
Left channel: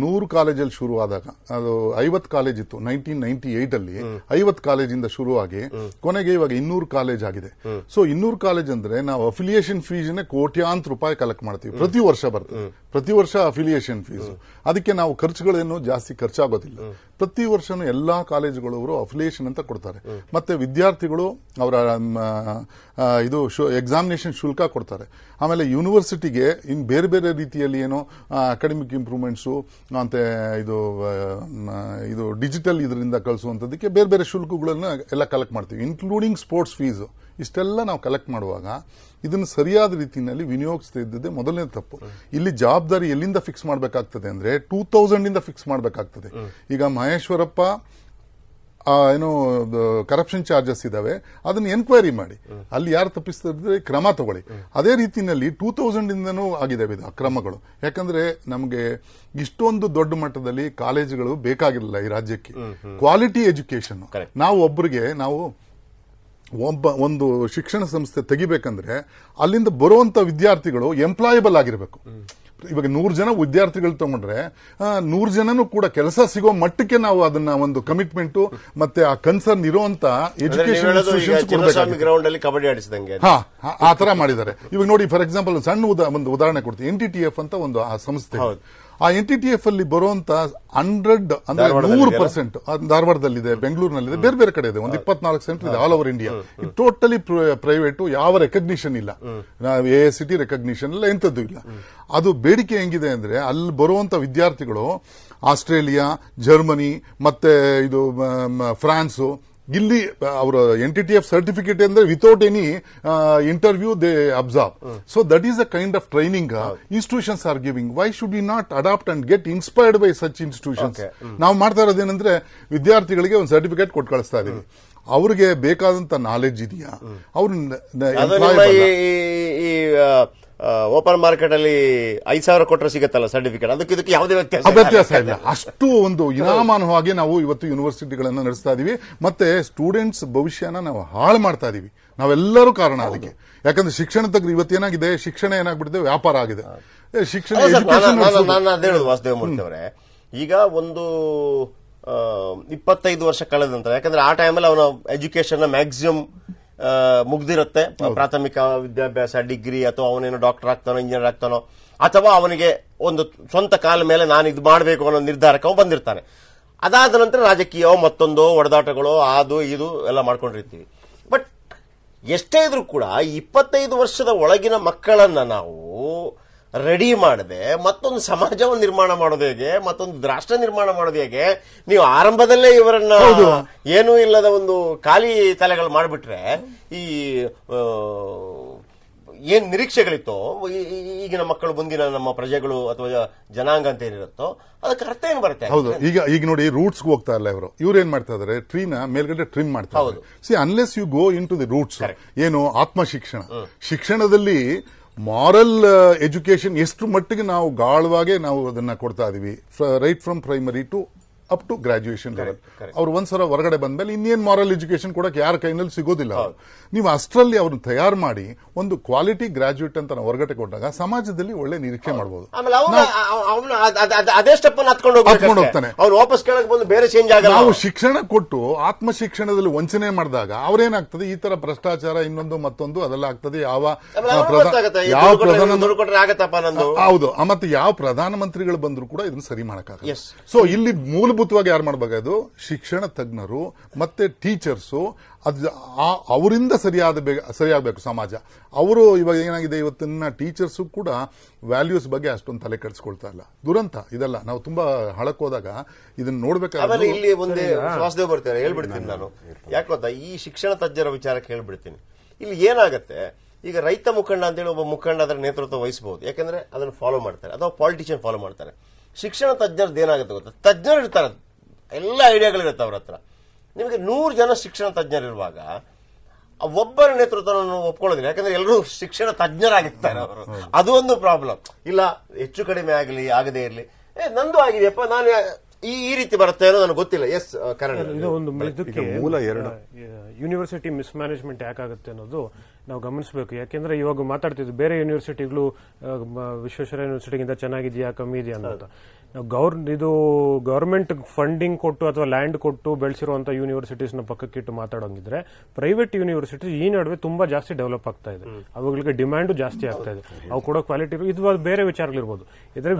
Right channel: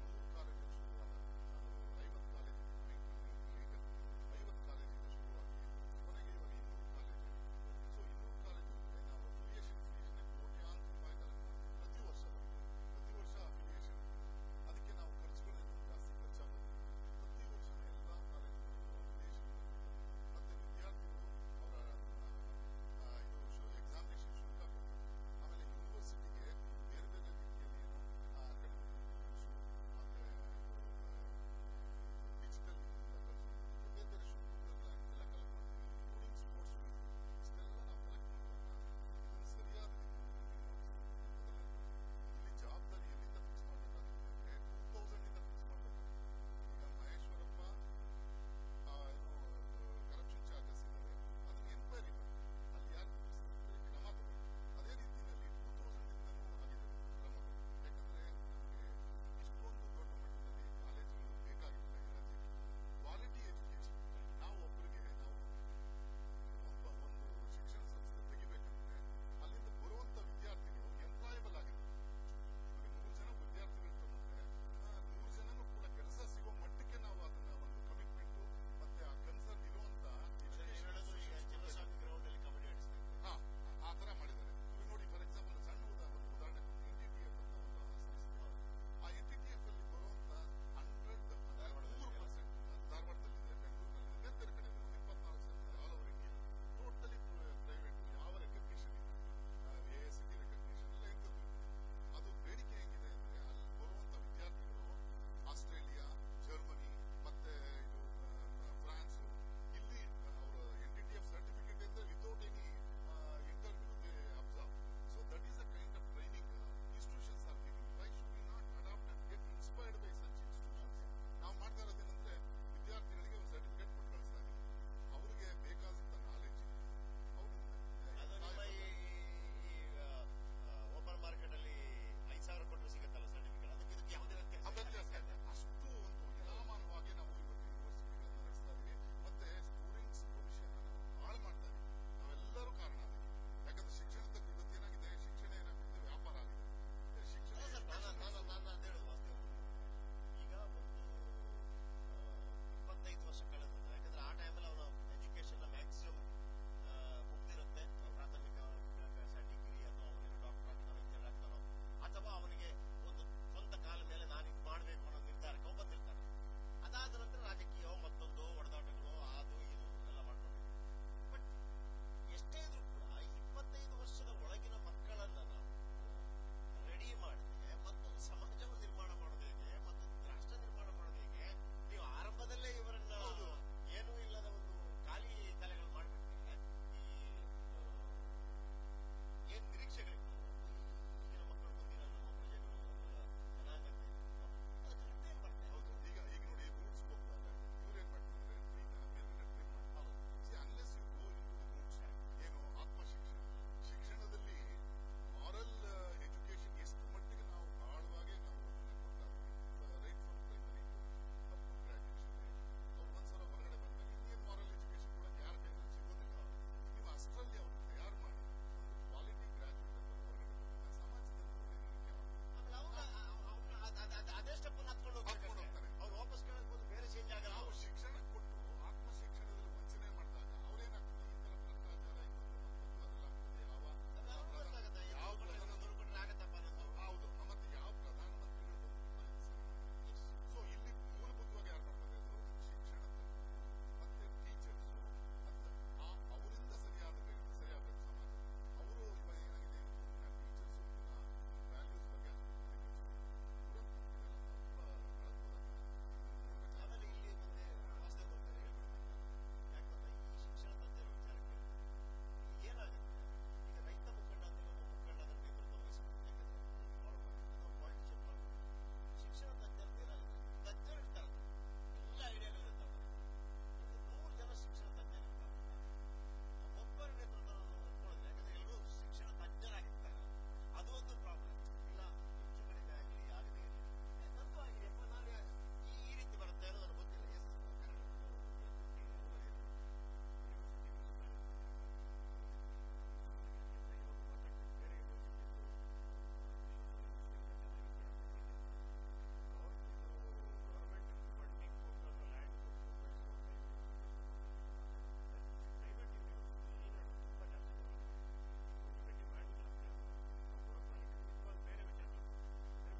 100 ಕಾಲೇಜಲ್ಲಿ ಶುರುವಾದಾಗ ಅದು 50 ಕಾಲೇಜ್ ಇತ್ತು 1998 ಅಲ್ಲಿ. 50 ಕಾಲೇಜಿಂದ ಶುರುವಾಗಿ ಕೊನೆಗೆ ಇವಾಗ 200 ಕಾಲೇಜ್ ಆಗಿದೆ. ಸೊ 200 ಕಾಲೇಜ್ ಅಂದ್ರೆ ನಾವು ಅಫಿಲಿಯೇಷನ್ ಫೀಸ್ನೇ ಕೋಟ್ಯಾಂತರ ರೂಪಾಯಿ ಕಲೆಕ್ಟ್ ಮಾಡ್ತೀವಿ, ಪ್ರತಿ ವರ್ಷ ಬರ್ತದೆ, ಪ್ರತಿ ವರ್ಷ ಅಫಿಲಿಯೇಷನ್ ಫೀಸ್. ಅದಕ್ಕೆ ನಾವು ಖರ್ಚುಗಳೇನು ಜಾಸ್ತಿ ಖರ್ಚಾಗೋದಿಲ್ಲ. ಪ್ರತಿ ವರ್ಷನೂ ಎಲ್ಲಾ ಕಾಲೇಜುಗಳು ಅವರು ಅಫಿಲಿಯೇಷನ್ ಅಂತ ಕೊಡ್ತಾರೆ. ಮತ್ತೆ ವಿದ್ಯಾರ್ಥಿಗಳು ಅವರ ಇದು ಎಕ್ಸಾಮಿನೇಷನ್ ಶುಲ್ಕ ಕೊಡ್ತಾರೆ. ಆಮೇಲೆ ಯೂನಿವರ್ಸಿಟಿಗೆ ಇನ್ ಬೇರೆ ಬೇರೆ ರೀತಿಯಲ್ಲಿ ಏನೋ ಅಕಾಡೆಮಿಕ್ ಇಂಪ್ರೂವ್ಮೆಂಟ್ಸು ಮತ್ತೆ ಇದು ಡಿಜಿಟಲ್ ಇದರಿಂದ ಕಳಿಸುವಂತದಕ್ಕೆ ಬೇರೆ ಬೇರೆ ಶುಲ್ಕಗಳನ್ನ ಎಲ್ಲ ಕಲೆಕ್ಟ್ ಮಾಡ್ತೀವಿ, ಇನ್ಕ್ಲೂಡಿಂಗ್ ಸ್ಪೋರ್ಟ್ಸ್ ಫೀಸ್. ಇಷ್ಟೆಲ್ಲ ನಾವು ಕಲೆಕ್ಟ್ ಮಾಡುವಾಗ ಇದನ್ನು ಸರಿಯಾದ ರೀತಿಯಲ್ಲಿ ವಿನಿಯೋಗಿಸ್ತಾ ಇದ್ದದ್ದೇ ಮೊದಲನೇ ತಪ್ಪು. ಇಲ್ಲಿ ಜವಾಬ್ದಾರಿ ಎಲ್ಲಿಂದ ಫಿಕ್ಸ್ ಮಾಡಬೇಕಾಗ್ತದೆ ಅಂದ್ರೆ 2000 ಇಂದ ಫಿಕ್ಸ್ ಮಾಡಬೇಕಾಗ್ತದೆ. ಈಗ ಮಹೇಶ್ವರಪ್ಪ ಏನೋ ಕರಪ್ಷನ್ ಚಾರ್ಜಸ್ ಇದಾವೆ, ಅದನ್ನ ಎನ್ಕ್ವೈರಿ ಮಾಡಿ, ಅಲ್ಲಿ ಯಾರು ತಪ್ಪಿಸ್ತಿದ್ರೆ ಕ್ರಮ ತಗೊಳ್ಳಿ. ಅದೇ ರೀತಿಯಲ್ಲಿ 2000 ಇಂದನೂ ಆಗಿದಾವೆ ಇದು ಅಕ್ರಮಗಳು. ಯಾಕಂದ್ರೆ ನಮಗೆ ಇಷ್ಟೊಂದು ದೊಡ್ಡ ಮಟ್ಟದಲ್ಲಿ ಕಾಲೇಜುಗಳು ಬೇಕಾಗಿರಲಿಲ್ಲ ಈ ರಾಜ್ಯಕ್ಕೆ. ಕ್ವಾಲಿಟಿ ಎಜುಕೇಶನ್ ನಾವು ಒಂದು ಶಿಕ್ಷಣ ಸಂಸ್ಥೆ ತೆಗಿಬೇಕಂದ್ರೆ ಅಲ್ಲಿಂದ ಬರುವಂತ ವಿದ್ಯಾರ್ಥಿಗಳು ಎಂಪ್ಲಾಯಬಲ್ ಆಗಿರಬೇಕು. ಇವಾಗ 100 ಜನ ವಿದ್ಯಾರ್ಥಿಗಳು ತಗೊಂಡ್ರೆ 100 ಜನನು ಕೂಡ ಕೆಲಸ ಸಿಗೋ ಮಟ್ಟಕ್ಕೆ ನಾವು ಅದನ್ನ ಒಂದು ಕಮಿಟ್ಮೆಂಟ್ ಮತ್ತೆ ಆ ಕನ್ಸರ್ನ್ ಇರುವಂತ ಎಜುಕೇಶನ್ ಗ್ರೌಂಡ್ ಅಲ್ಲಿ ಕಬಡ್ಡಿ ಆಡಿಸಿದಂಗೆ ಆ ತರ ಮಾಡಿದ್ದಾರೆ. ಇವಾಗ ನೋಡಿ, ಫಾರ್ ಎಕ್ಸಾಂಪಲ್ ಸಣ್ಣ ಒಂದು ಉದಾಹರಣೆ ಕೊಡ್ತೀನಿ. NTTF ಅಂತ ಒಂದು ಆ ಸಂಸ್ಥೆ, ಆ NTTF ಅಲ್ಲಿ ಬರುವಂತ 100 ಅಂದ್ರೆ 100% ಧಾರವಾಡದಲ್ಲಿದೆ, ಬೆಂಗಳೂರಿನಲ್ಲಿದೆ, ಬೇರೆ ಬೇರೆ ಕಡೆ ಇದೆ, ಒಂದು 24 ಸೆಂಟರ್ ಇದೆ ಆಲ್ ಓವರ್ ಇಂಡಿಯಾ. ಇದು ಟೋಟಲಿ ಪ್ರೈವೇಟ್, ಯಾವ ರೆಕಗ್ನಿಷನ್ ಇಲ್ಲ, AICT ರೆಕಗ್ನಿಷನ್ ಇಲ್ಲ, ಎಂತದ್ದು ಇಲ್ಲ. ಅದು ಬೇಡಿಕೆ ಹೆಂಗಿದೆ ಅಂದ್ರೆ ಅಲ್ಲಿ ಬರುವಂತ ವಿದ್ಯಾರ್ಥಿಗಳು ಆಸ್ಟ್ರೇಲಿಯಾ, ಜರ್ಮನಿ ಮತ್ತೆ ಇದು ಫ್ರಾನ್ಸ್, ಇಲ್ಲಿ ಅವರ NTTF ಸರ್ಟಿಫಿಕೇಟ್ ಅಂದ್ರೆ without any interview they observe. So that is a kind of training institutions are giving. Why should we not adopt and get inspired by such institutions? ನಾವು ಮಾಡ್ತಾ ಇರೋದೇನಂದ್ರೆ ವಿದ್ಯಾರ್ಥಿಗೆ ಒಂದು certificate ಕೊಟ್ಟು ಕಳಿಸ್ತಾ ಇದೀವಿ. ಅವ್ರಿಗೆ ಬೇಕಾದಂತ ನಾಲೆಡ್ಜ್ ಇದೆಯಾ? ಅವ್ರ ಓಪನ್ ಮಾರ್ಕೆಟ್ ಅಲ್ಲಿ 5,000 ಕೊಟ್ಟರೆ ಸಿಗತ್ತಲ್ಲ ಸರ್ಟಿಫಿಕೇಟ್, ಇದಕ್ಕೆ ಯಾವುದೇ ವ್ಯತ್ಯಾಸ ಇಲ್ಲ. ಅಷ್ಟು ಒಂದು ಇನಾಮಾನವಾಗಿ ನಾವು ಇವತ್ತು ಯೂನಿವರ್ಸಿಟಿಗಳನ್ನ ನಡೆಸ್ತಾ ಇದೀವಿ. ಮತ್ತೆ ಸ್ಟೂಡೆಂಟ್ಸ್ ಭವಿಷ್ಯನ ನಾವು ಹಾಳು ಮಾಡ್ತಾ ಇದೀವಿ. ನಾವೆಲ್ಲರೂ ಕಾರಣ ಅದಕ್ಕೆ. ಯಾಕಂದ್ರೆ ಶಿಕ್ಷಣ ತಗ್ರಿ ಇವತ್ತೇನಾಗಿದೆ, ಶಿಕ್ಷಣ ಏನಾಗ್ಬಿಟ್ಟಿದೆ, ವ್ಯಾಪಾರ ಆಗಿದೆ. ಶಿಕ್ಷಣ ವಾಸುದೇವ ಮೂರ್ತಿ ಅವರೇ, ಈಗ ಒಂದು 25 ವರ್ಷ ಕಳೆದ ನಂತರ, ಯಾಕಂದ್ರೆ ಆ ಟೈಮಲ್ಲಿ ಅವನ ಎಜುಕೇಶನ್ ಮ್ಯಾಕ್ಸಿಮಮ್ ಮುಗ್ದಿರುತ್ತೆ, ಪ್ರಾಥಮಿಕ ವಿದ್ಯಾಭ್ಯಾಸ, ಡಿಗ್ರಿ, ಅಥವಾ ಅವನೇನೋ ಡಾಕ್ಟರ್ ಆಗ್ತಾನೋ, ಇಂಜಿನಿಯರ್ ಆಗ್ತಾನೋ, ಅಥವಾ ಅವನಿಗೆ ಒಂದು ಸ್ವಂತ ಕಾಲ ಮೇಲೆ ನಾನು ಇದು ಮಾಡಬೇಕು ಅನ್ನೋ ನಿರ್ಧಾರಕ್ಕೆ ಅವನು ಬಂದಿರ್ತಾನೆ. ಅದಾದ ನಂತರ ರಾಜಕೀಯ ಮತ್ತೊಂದು ಒಡೆದಾಟಗಳು ಅದು ಇದು ಎಲ್ಲ ಮಾಡ್ಕೊಂಡಿರ್ತೀವಿ. ಬಟ್ ಎಷ್ಟೇ ಇದ್ರೂ ಕೂಡ 25 ವರ್ಷದ ಒಳಗಿನ ಮಕ್ಕಳನ್ನ ನಾವು ರೆಡಿ ಮಾಡದೆ ಮತ್ತೊಂದು ಸಮಾಜವನ್ನು ನಿರ್ಮಾಣ ಮಾಡೋದು ಹೇಗೆ, ಮತ್ತೊಂದು ರಾಷ್ಟ್ರ ನಿರ್ಮಾಣ ಮಾಡೋದು ಹೇಗೆ? ನೀವು ಆರಂಭದಲ್ಲೇ ಇವರನ್ನ ಏನೂ ಇಲ್ಲದ ಒಂದು ಖಾಲಿ ತಲೆಗಳು ಮಾಡಿಬಿಟ್ರೆ ಈ ಏನ್ ನಿರೀಕ್ಷೆಗಳಿತ್ತೋ ಈಗಿನ ಮಕ್ಕಳು, ಮುಂದಿನ ನಮ್ಮ ಪ್ರಜೆಗಳು ಅಥವಾ ಜನಾಂಗ ಅಂತ ಏನಿರುತ್ತೋ ಅದಕ್ಕೆ ಅರ್ಥ ಏನ್ ಬರುತ್ತೆ? ಹೌದು. ಈಗ ನೋಡಿ, ರೂಟ್ಸ್ ಹೋಗ್ತಾ ಇಲ್ಲ ಇವ್ರು ಏನ್ ಮಾಡ್ತಾ ಇದಾರೆ, ಟ್ರೀನ ಮೇಲ್ಗಡೆ ಟ್ರಿಮ್ ಮಾಡ್ತಾ ಇದ್ದಾರೆ. See, unless you go into the roots, ಏನು ಆತ್ಮ ಶಿಕ್ಷಣದಲ್ಲಿ ಮಾರಲ್ ಎಜುಕೇಶನ್ ಎಷ್ಟು ಮಟ್ಟಿಗೆ ನಾವು ಗಾಳವಾಗಿ ನಾವು ಅದನ್ನ ಕೊಡ್ತಾ ಇದೀವಿ, right from primary to up to graduation level. ಅವ್ರು ಒಂದ್ಸಲ ಹೊರಗಡೆ ಬಂದ್ಮೇಲೆ ಇನ್ನೇನ್ ಮಾರಲ್ ಎಜುಕೇಶನ್ ಕೊಡಕ್ಕೆ ಯಾರ ಕೈನಲ್ಲಿ ಸಿಗೋದಿಲ್ಲ. ನೀವು ಅಷ್ಟರಲ್ಲಿ ಅವ್ರನ್ನ ತಯಾರು ಮಾಡಿ ಒಂದು ಕ್ವಾಲಿಟಿ ಗ್ರಾಜುಯೇಟ್ ಅಂತ ನಾವು ಹೊರಗಡೆ ಕೊಟ್ಟಾಗ ಸಮಾಜದಲ್ಲಿ ಒಳ್ಳೆ ನಿರೀಕ್ಷೆ ಮಾಡಬಹುದು. ನಾವು ಶಿಕ್ಷಣ ಕೊಟ್ಟು ಆತ್ಮ ಶಿಕ್ಷಣದಲ್ಲಿ ವಂಚನೆ ಮಾಡಿದಾಗ ಅವ್ರೇನಾಗ್ತದೆ, ಈ ತರ ಭ್ರಷ್ಟಾಚಾರ ಇನ್ನೊಂದು ಮತ್ತೊಂದು ಅದೆಲ್ಲ ಆಗ್ತದೆ. ಹೌದು. ಮತ್ತೆ ಯಾವ ಪ್ರಧಾನಮಂತ್ರಿಗಳು ಬಂದ್ರು ಕೂಡ ಇದನ್ನ ಸರಿ ಮಾಡಕ್ಕಾಗಲ್ಲ. ಸೊ ಇಲ್ಲಿ ಮೂಲಭೂತವಾಗಿ ಯಾರು ಮಾಡಬೇಕಾದ್ರು, ಶಿಕ್ಷಣ ತಜ್ಞರು ಮತ್ತೆ ಟೀಚರ್ಸು. ಅವರಿಂದ ಸರಿಯಾಗಬೇಕು ಸಮಾಜ. ಅವರು ಇವಾಗ ಏನಾಗಿದೆ, ಇವತ್ತಿನ ಟೀಚರ್ಸು ಕೂಡ ವ್ಯಾಲ್ಯೂಸ್ ಬಗ್ಗೆ ಅಷ್ಟೊಂದು ತಲೆ ಕೆಡಿಸ್ಕೊಳ್ತಾ ಇಲ್ಲ. ದುರಂತ ಇದೆಲ್ಲ. ನಾವು ತುಂಬಾ ಹಳಕ್ ಹೋದಾಗ ಇದನ್ನ ನೋಡ್ಬೇಕಾದ್ರೆ ಇಲ್ಲಿ ಒಂದೇ ವಾಸುದೇವ್ ಬರ್ತಾರೆ ಹೇಳ್ಬಿಡ್ತೀನಿ ನಾನು. ಯಾಕೆ ಗೊತ್ತಾ, ಈ ಶಿಕ್ಷಣ ತಜ್ಞರ ವಿಚಾರಕ್ಕೆ ಹೇಳ್ಬಿಡ್ತೀನಿ. ಇಲ್ಲಿ ಏನಾಗತ್ತೆ, ಈಗ ರೈತ ಮುಖಂಡ ಅಂತೇಳಿ ಒಬ್ಬ ಮುಖಂಡ ಅದರ ನೇತೃತ್ವ ವಹಿಸಬಹುದು, ಯಾಕಂದ್ರೆ ಅದನ್ನು ಫಾಲೋ ಮಾಡ್ತಾರೆ, ಅಥವಾ ಪಾಲಿಟಿಷಿಯನ್ ಫಾಲೋ ಮಾಡ್ತಾರೆ. ಶಿಕ್ಷಣ ತಜ್ಞರದ್ದು ಏನಾಗುತ್ತೆ ಗೊತ್ತಾ, ತಜ್ಞರು ಇರ್ತಾರೆ, ಎಲ್ಲ ಐಡಿಯಾಗಳಿರುತ್ತೆ ಅವ್ರ ಹತ್ರ. ನಿಮಗೆ 100 ಜನ ಶಿಕ್ಷಣ ತಜ್ಞರಿರುವಾಗ ಒಬ್ಬರ ನೇತೃತ್ವವನ್ನು ಒಪ್ಕೊಳ್ಳೋದಿಲ್ಲ, ಯಾಕಂದ್ರೆ ಎಲ್ಲರೂ ಶಿಕ್ಷಣ ತಜ್ಞರಾಗಿರ್ತಾರೆ ಅವರು. ಅದು ಒಂದು ಪ್ರಾಬ್ಲಮ್. ಇಲ್ಲ, ಹೆಚ್ಚು ಕಡಿಮೆ ಆಗದೇ ಇರಲಿ, ನಂದು ಆಗಿದೆಯಪ್ಪ, ನಾನು ಈ ರೀತಿ ಬರುತ್ತೆ ಅನ್ನೋ ನನಗೆ ಗೊತ್ತಿಲ್ಲ. ಎಸ್, ಇದಕ್ಕೆ ಯೂನಿವರ್ಸಿಟಿ ಮಿಸ್ಮ್ಯಾನೇಜ್ಮೆಂಟ್ ಯಾಕಾಗುತ್ತೆ ಅನ್ನೋದು ನಾವು ಗಮನಿಸಬೇಕು. ಯಾಕೆಂದ್ರೆ ಇವಾಗ ಮಾತಾಡ್ತಿದ್ವಿ, ಬೇರೆ ಯೂನಿವರ್ಸಿಟಿಗಳು ವಿಶ್ವೇಶ್ವರಯ್ಯ ಯೂನಿವರ್ಸಿಟಿಗಿಂತ ಚೆನ್ನಾಗಿದೆಯಾ ಕಮ್ಮಿ ಇದೆಯಾ ಅಂತ. ಇದು ಗವರ್ಮೆಂಟ್ ಫಂಡಿಂಗ್ ಕೊಟ್ಟು ಅಥವಾ ಲ್ಯಾಂಡ್ ಕೊಟ್ಟು ಬೆಳೆಸಿರುವಂತಹ ಯೂನಿವರ್ಸಿಟೀಸ್ ನ ಪಕ್ಕಕ್ಕಿಟ್ಟು ಮಾತಾಡೋಂಗಿದ್ರೆ, ಪ್ರೈವೇಟ್ ಯೂನಿವರ್ಸಿಟೀಸ್ ಈ ನಡುವೆ ತುಂಬಾ ಜಾಸ್ತಿ ಡೆವಲಪ್ ಆಗ್ತಾ ಇದೆ. ಅವುಗಳಿಗೆ ಡಿಮ್ಯಾಂಡ್ ಜಾಸ್ತಿ ಆಗ್ತಾ ಇದೆ. ಅವು ಕೊಡೋ ಕ್ವಾಲಿಟಿ ಇದು ಬೇರೆ ವಿಚಾರಗಳಿರ್ಬೋದು. ಇದ್ರೆ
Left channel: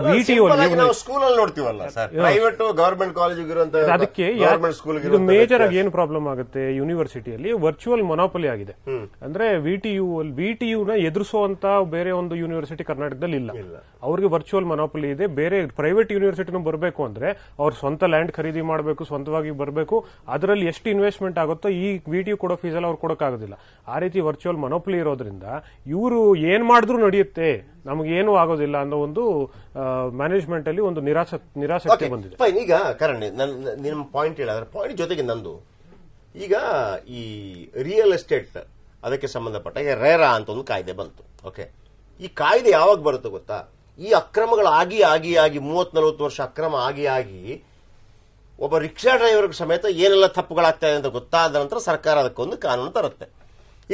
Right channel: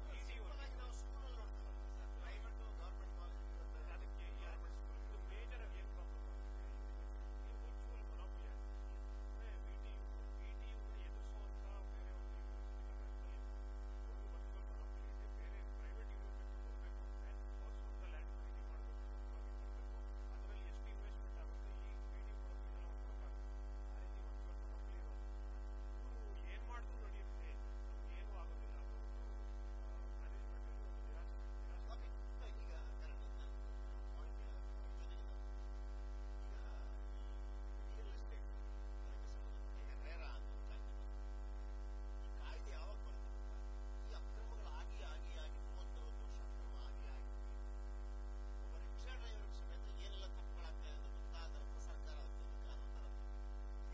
ಸ್ಕೂಲಲ್ಲಿ ನೋಡ್ತೀವಲ್ಲ ಸರ್, ಪ್ರೈವೇಟ್ ಗವರ್ಮೆಂಟ್ ಕಾಲೇಜ್ ಅದಕ್ಕೆ ಇದು ಮೇಜರ್ ಆಗಿ ಏನು ಪ್ರಾಬ್ಲಮ್ ಆಗುತ್ತೆ, ಯೂನಿವರ್ಸಿಟಿಯಲ್ಲಿ ವರ್ಚುವಲ್ ಮೊನೋಪಲಿ ಆಗಿದೆ. ಅಂದ್ರೆ ವಿಟಿಯುನ ಎದುರಿಸುವಂತ ಬೇರೆ ಒಂದು ಯೂನಿವರ್ಸಿಟಿ ಕರ್ನಾಟಕದಲ್ಲಿ ಇಲ್ಲ. ಅವ್ರಿಗೆ ವರ್ಚುವಲ್ ಮೊನೋಪಲಿ ಇದೆ. ಬೇರೆ ಪ್ರೈವೇಟ್ ಯೂನಿವರ್ಸಿಟಿನೂ ಬರಬೇಕು ಅಂದ್ರೆ ಅವ್ರ ಸ್ವಂತ ಲ್ಯಾಂಡ್ ಖರೀದಿ ಮಾಡಬೇಕು, ಸ್ವಂತವಾಗಿ ಬರಬೇಕು. ಅದರಲ್ಲಿ ಎಷ್ಟು ಇನ್ವೆಸ್ಟ್ಮೆಂಟ್ ಆಗುತ್ತೋ ಈ ವಿಟಿಯು ಕೊಡೋ ಫೀಸ್ ಎಲ್ಲ ಅವ್ರು ಕೊಡೋಕ್ಕಾಗೋದಿಲ್ಲ. ಆ ರೀತಿ ವರ್ಚುವಲ್ ಮೊನೋಪಲಿ ಇರೋದ್ರಿಂದ ಇವರು ಏನ್ ಮಾಡಿದ್ರು ನಡೆಯುತ್ತೆ, ನಮಗೇನು ಆಗೋದಿಲ್ಲ ಅನ್ನೋ ಒಂದು ಮ್ಯಾನೇಜ್ಮೆಂಟ್ ಅಲ್ಲಿ ಒಂದು ನಿರಾಸಕ್ತಿ ಬಂದಿದೆ. ಈಗ ಕರಣ್ ನಿಮ್ಮ ಪಾಯಿಂಟ್ ಹೇಳಿದ್ರೆ ಪಾಯಿಂಟ್ ಜೊತೆಗೆ ನಂದು ಈಗ ಈ ರಿಯಲ್ ಎಸ್ಟೇಟ್ ಅದಕ್ಕೆ ಸಂಬಂಧಪಟ್ಟ ರೇರಾ ಅಂತ ಒಂದು ಕಾಯ್ದೆ ಬಂತು. ಓಕೆ, ಈ ಕಾಯ್ದೆ ಯಾವಾಗ ಬರುತ್ತೆ ಗೊತ್ತಾ? ಈ ಅಕ್ರಮಗಳು ಆಗಿ 30-40 ವರ್ಷ ಅಕ್ರಮ ಆಗಿ ಒಬ್ಬ ರಿಕ್ಷಾ ಡ್ರೈವರ್ ಸಮೇತ ಏನೆಲ್ಲ ತಪ್ಪುಗಳಾಗ್ತಾ ಇದೆ ಅಂತ ಗೊತ್ತಾದ ನಂತರ ಸರ್ಕಾರ ಅದಕ್ಕೊಂದು ಕಾನೂನು ತರುತ್ತೆ.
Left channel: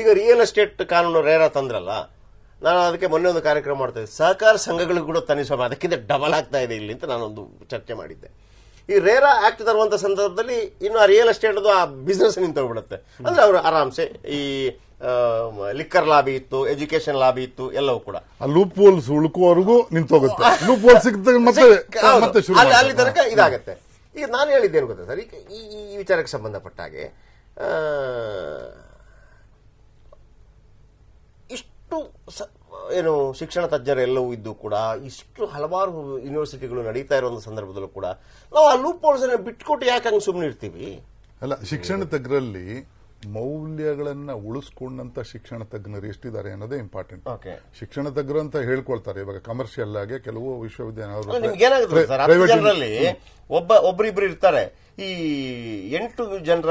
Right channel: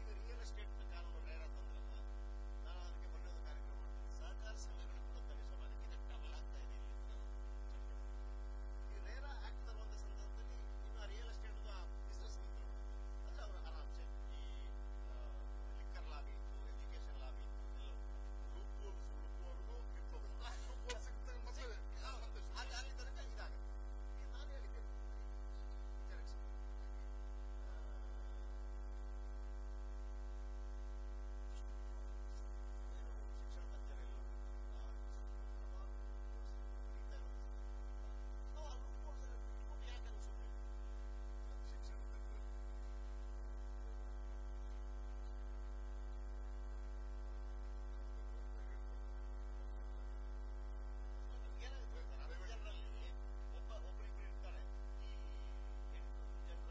ಈಗ ರಿಯಲ್ ಎಸ್ಟೇಟ್ ಕಾನೂನು ರೇರಾ ತಂದ್ರಲ್ಲ, ನಾನು ಅದಕ್ಕೆ ಮೊನ್ನೆ ಒಂದು ಕಾರ್ಯಕ್ರಮ ಮಾಡ್ತಾ ಇದ್ದೆ, ಸಹಕಾರ ಸಂಘಗಳು ಕೂಡ ತನಿಸುವ ಅದಕ್ಕಿಂತ ಡಬಲ್ ಆಗ್ತಾ ಇದೆ ಇಲ್ಲಿ ಅಂತ ನಾನೊಂದು ಚರ್ಚೆ ಮಾಡಿದ್ದೆ. ಈ ರೇರಾ ಆಕ್ಟ್ ತರುವಂತ ಸಂದರ್ಭದಲ್ಲಿ ಇನ್ನು ಆ ರಿಯಲ್ ಎಸ್ಟೇಟ್ ಆ ಬಿಸ್ನೆಸ್ ನಿಂತೋಗ್ಬಿಡುತ್ತೆ. ಅಂದ್ರೆ ಅವರು ಆರಾಮ್ಸೆ ಈ ಲಿಕ್ಕರ್ ಲಾಬಿ ಇತ್ತು, ಎಜುಕೇಶನ್ ಲಾಬಿ ಇತ್ತು, ಎಲ್ಲವೂ ಕೂಡ ಲೂಪ್ ಹೋಲ್ಸ್ ಉಳ್ಕೋವರೆಗೂ ನಿಂತೋಗುತ್ತೆ. ಲೂಪ್ ಹೋಲ್ ಸಿಗ್ತದೆ ಮತ್ತೆ ಅಲ್ಲಿ ತನಕ ಇದಾಗತ್ತೆ. ಈಗ ನಾನು ಹೇಳಿದ್ದೇನು ಗೊತ್ತಾ ಸರ್, ಈ ವಿಚಾರಕ್ಕೆ ಸಂಬಂಧಪಟ್ಟ ಹಾಗೆ ಇಷ್ಟು ಏನು ಶಿಕ್ಷಣ ತಜ್ಞರೆಲ್ಲವೂ ಇದ್ದು ಕೂಡ ಇಷ್ಟು ಹಲವಾರು ಯೂನಿವರ್ಸಿಟಿಗಳು ನಡೀತಾ ಇರೋ ಒಂದು ಸಂದರ್ಭದಲ್ಲೂ ಕೂಡ ನಾವು ಆ ಲೂಪ್ ಹೋಲ್ಸ್ ಬಿಟ್ಕೊಟ್ಟು ಯಾಕೆ ಹಂಗೆ ಸುಮ್ಮನೆ ಇರ್ತೀವಿ? ಅಲ್ಲ, ಶಿಕ್ಷಣ ತಜ್ಞರಲ್ಲಿ ಮೌಲ್ಯಗಳನ್ನ ಉಳಿಸ್ಕೊಂಡಂತ ಶಿಕ್ಷಣ ತಜ್ಞರು ಎಷ್ಟಿದ್ದಾರೆ ಅನ್ನೋದೇ ಇಂಪಾರ್ಟೆಂಟ್. ಶಿಕ್ಷಣ ತಜ್ಞರು ಅಂತ ಹೇಳ್ಕೊಳ್ತಾರೆ. ಇವಾಗ ಕಮರ್ಷಿಯಲ್ ಆಗಿ ಕೆಲವು ವಿಶ್ವವಿದ್ಯಾಲಯಗಳಲ್ಲಿ ಒಬ್ಬರಿಬ್ರು ಇರ್ತಾರೆ. ಈ 8 ಜನರ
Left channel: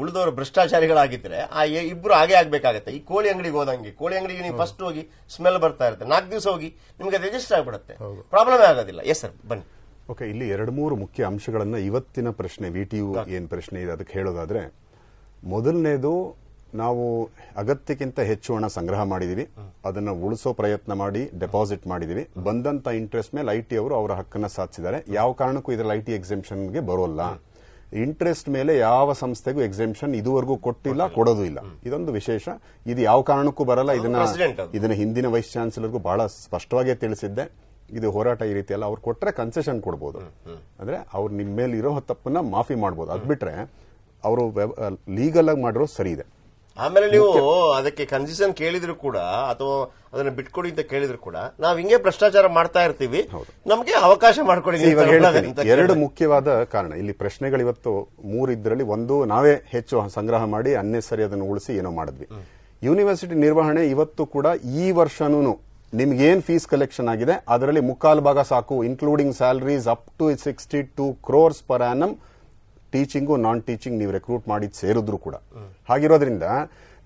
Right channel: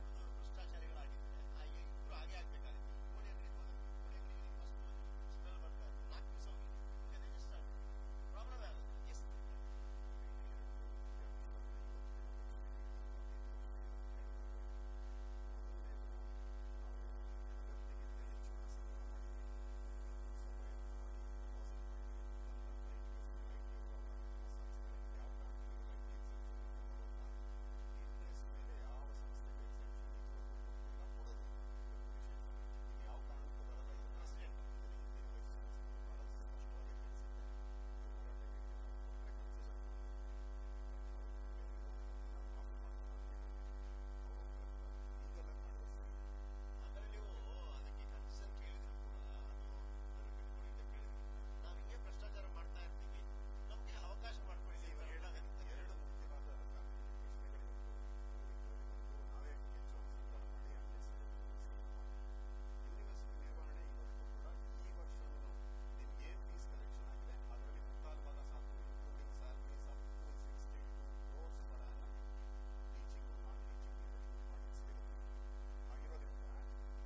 ಉಳಿದವರು ಭ್ರಷ್ಟಾಚಾರಿಗಳಾಗಿದ್ರೆ ಆ ಇಬ್ರು ಹಾಗೆ ಆಗ್ಬೇಕಾಗತ್ತೆ. ಈ ಕೋಳಿ ಅಂಗಡಿಗೆ ಹೋದಂಗೆ, ಕೋಳಿ ಅಂಗಡಿಗೆ ನೀವು ಫಸ್ಟ್ ಹೋಗಿ ಸ್ಮೆಲ್ ಬರ್ತಾ ಇರುತ್ತೆ, 4 ದಿವಸ ಹೋಗಿ ನಿಮ್ಗೆ ಅದು ರಿಜಿಸ್ಟರ್ ಆಗ್ಬಿಡುತ್ತೆ, ಪ್ರಾಬ್ಲಮ್ ಆಗೋದಿಲ್ಲ. ಎಸ್ ಸರ್, ಬನ್ನಿ. ಓಕೆ, ಇಲ್ಲಿ 2-3 ಮುಖ್ಯ ಅಂಶಗಳನ್ನ ಇವತ್ತಿನ ಪ್ರಶ್ನೆ ವಿಟಿಯು ಏನ್ ಪ್ರಶ್ನೆ ಇದೆ ಅದಕ್ಕೆ ಹೇಳೋದಾದ್ರೆ, ಮೊದಲನೇದು, ನಾವು ಅಗತ್ಯಕ್ಕಿಂತ ಹೆಚ್ಚು ಹಣ ಸಂಗ್ರಹ ಮಾಡಿದೀವಿ, ಅದನ್ನ ಉಳಿಸೋ ಪ್ರಯತ್ನ ಮಾಡಿ ಡೆಪಾಸಿಟ್ ಮಾಡಿದೀವಿ. ಬಂದಂತ ಇಂಟ್ರೆಸ್ಟ್ ಮೇಲೆ ಐಟಿ ಅವರು ಅವರ ಹಕ್ಕನ್ನ ಸಾಧಿಸಿದ್ದಾರೆ. ಯಾವ ಕಾರಣಕ್ಕೂ ಇದರಲ್ಲಿ ಐಟಿ ಎಕ್ಸೆಂಪ್ಷನ್ಗೆ ಬರೋಲ್ಲ. ಇಂಟ್ರೆಸ್ಟ್ ಮೇಲೆ ಯಾವ ಸಂಸ್ಥೆಗೂ ಎಕ್ಸೆಂಪ್ಷನ್ ಇದುವರೆಗೂ ಕೊಟ್ಟಿಲ್ಲ, ಕೊಡೋದು ಇಲ್ಲ. ಇದೊಂದು ವಿಶೇಷ. ಇದು ಯಾವ ಕಾರಣಕ್ಕೂ ಬರಲ್ಲ. ಇದನ್ನ ಹಿಂದಿನ ವೈಸ್ ಚಾನ್ಸಲರ್ಗೂ ಬಹಳ ಸ್ಪಷ್ಟವಾಗಿ ತಿಳಿಸಿದ್ದೆ. ಇದು ಹೋರಾಟ ಈ ರೀತಿ ಅಲ್ಲ. ಅವ್ರು ಕೊಟ್ರೆ ಕನ್ಸೆಷನ್ ಕೊಡ್ಬೋದು, ಅಂದ್ರೆ ಅವ್ರು ನಿಮ್ಮ ಮೇಲೆ ಇರೋ ತಪ್ಪನ್ನ ಮಾಫಿ ಮಾಡ್ಬೋದು. ಅದ್ ಬಿಟ್ರೆ ಅವರು ಲೀಗಲ್ ಆಗಿ ಮಾಡಿರೋ ಸರಿ ಇದೆ. ಆಮೇಲೆ ನೀವು ಅದಕ್ಕೆ ಕನ್ಸೆಷನ್ ಕೇಳಿದ್ರು ಕೂಡ ಅಥವಾ ಅದನ್ನ ಬಿಟ್ಕೊಡಿ ಅಂತ ಕೇಳಿದ್ರು ಕೂಡ ನಾವು ಹಿಂಗೆ ಭ್ರಷ್ಟಾಚಾರ ಮಾಡ್ತಾ ಇರ್ತೀವಿ, ನಮಗೆ ಅವಕಾಶ ಮಾಡ್ಕೊಡಿ. 2 ಮುಖ್ಯವಾದ ಕಾರಣ ಇಲ್ಲಿ ಪ್ರಶ್ನೆಗಳು ಇವತ್ತು 3 ಇದ್ರಲ್ಲಿ ಒಂದು, ನಾವೇ ಹೆಚ್ಚು ಸಂಗ್ರಹ ಮಾಡಿ ಅನ್ನೆಸರಿ ಅದನ್ನು ಉಳಿಸಿ ಏನೋ ಮಾಡಿದ್ವಿ. ಯೂನಿವರ್ಸಿಟಿ ನಿರ್ವಹಣೆ ಇವತ್ತು ಕೂಡ ಈ ವರ್ಷನೂ ನಿಮ್ಗೇನ್ ಫೀಸ್ ಕಲೆಕ್ಷನ್ ಆಗಿದೆ ಅದರಲ್ಲಿ 3/4 ಭಾಗ ಸಾಕು, including salaries up to 62 crores per annum. Teaching non teaching ನೀವು ರೆಕ್ರೂಟ್ ಮಾಡಿ ಸೇರಿದ್ರು ಕೂಡ. ಹಾಗಿರೋದ್ರಿಂದ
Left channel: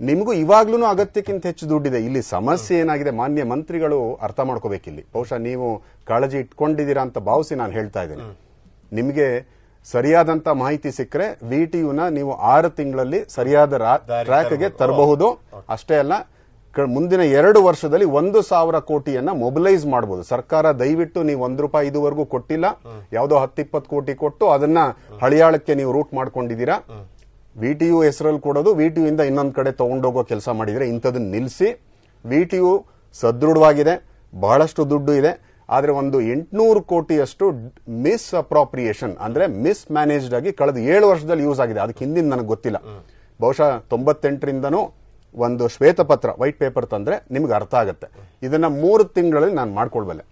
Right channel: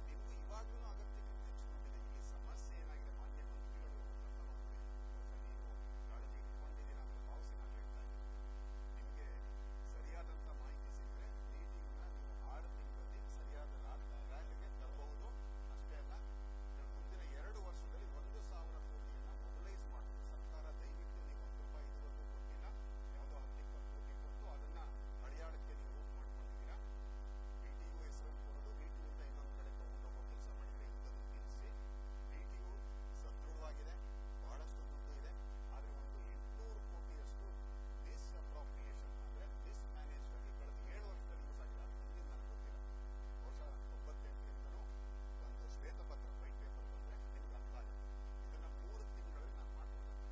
ನಿಮಗೂ ಇವಾಗ್ಲೂ ಅಗತ್ಯಕ್ಕಿಂತ ಹೆಚ್ಚು ದುಡ್ಡಿದೆ. ಇಲ್ಲಿ ಸಮಸ್ಯೆ ಏನಾಗಿದೆ, ಮಾನ್ಯ ಮಂತ್ರಿಗಳು ಅರ್ಥ ಮಾಡ್ಕೋಬೇಕಿಲ್ಲಿ. ಬಹುಶಃ ನೀವು ಕಾಳಜಿ ಇಟ್ಕೊಂಡಿದ್ದೀರಾ ಅಂತ ಭಾವಿಸಿ ನಾನು ಹೇಳ್ತಾ ಇದ್ದೀನಿ. ನಿಮಗೆ ಸರಿಯಾದಂತ ಮಾಹಿತಿ ಸಿಕ್ಕರೆ ವಿಟಿಯುನ ನೀವು 6 ತಿಂಗಳಲ್ಲಿ ಸರಿಯಾದ ಟ್ರ್ಯಾಕ್ಗೆ ತರಬಹುದು. ಅಷ್ಟೇ ಅಲ್ಲ, ಮುಂದಿನ 2 ವರ್ಷದಲ್ಲಿ 1,000 ಕೋಟಿಯನ್ನ ಮೊಬಿಲೈಸ್ ಮಾಡಬಹುದು. ಸರ್ಕಾರ ದಯವಿಟ್ಟು ನೀವು ₹1 ಇದುವರೆಗೂ ಕೊಟ್ಟಿಲ್ಲ, ಯಾವುದೋ 10-20 ಕೋಟಿ ಕೊಟ್ಟು ಅದನ್ನ ಹಳಿಯಾಳಕ್ಕೆ ನೀವು ರೂಟ್ ಮಾಡ್ಕೊಂಡಿದ್ದೀರಾ. ವಿಟಿಯು ಹೆಸರಲ್ಲಿ ಕೊಡೋದು, ವಿಟಿಯು ಇಂದ ಇನ್ನೊಂದ್ ಕಡೆ ತಗೊಂಡೋಗೋ ಕೆಲಸ ಮಾಡಿದ್ರೆ ಇಂಥದನ್ನ ನಿಲ್ಲಿಸಿ. ವಿಟಿಯು ಸದೃಢವಾಗಿದೆ, ಬಹಳಷ್ಟು ದುಡ್ಡು ಇದೆ. ಆದ್ರೆ ಒಂದು 800 ಕೋಟಿಯಷ್ಟು ಮಿಸ್ ಅಪ್ರಾಪ್ರಿಯೇಷನ್ ಅಂದ್ರೆ ಮಿಸ್ ಮ್ಯಾನೇಜ್ಡ್ ಆಗಿ ಕಳೆದ 7 ವರ್ಷದಲ್ಲಿ ಯೂಸ್ ಆಗಿದೆ. ಅದಕ್ಕೆ ಹಿಂದಿನ ನನಗೆ ಗೊತ್ತಿಲ್ಲ. ಬಹುಶಃ 98ರಿಂದನೂ ಒಂದು ಶ್ವೇತಪತ್ರ, ವೈಟ್ ಪೇಪರ್ ತಂದ್ರೆ ನಿಮ್ಗೆ ಅರ್ಥ ಆಗುತ್ತೆ. ಇದನ್ನ 3 ತಿಂಗಳಲ್ಲಿ ನಾನು ಮಾಡ್ಕೊಳ್ಬಲ್ಲೆ.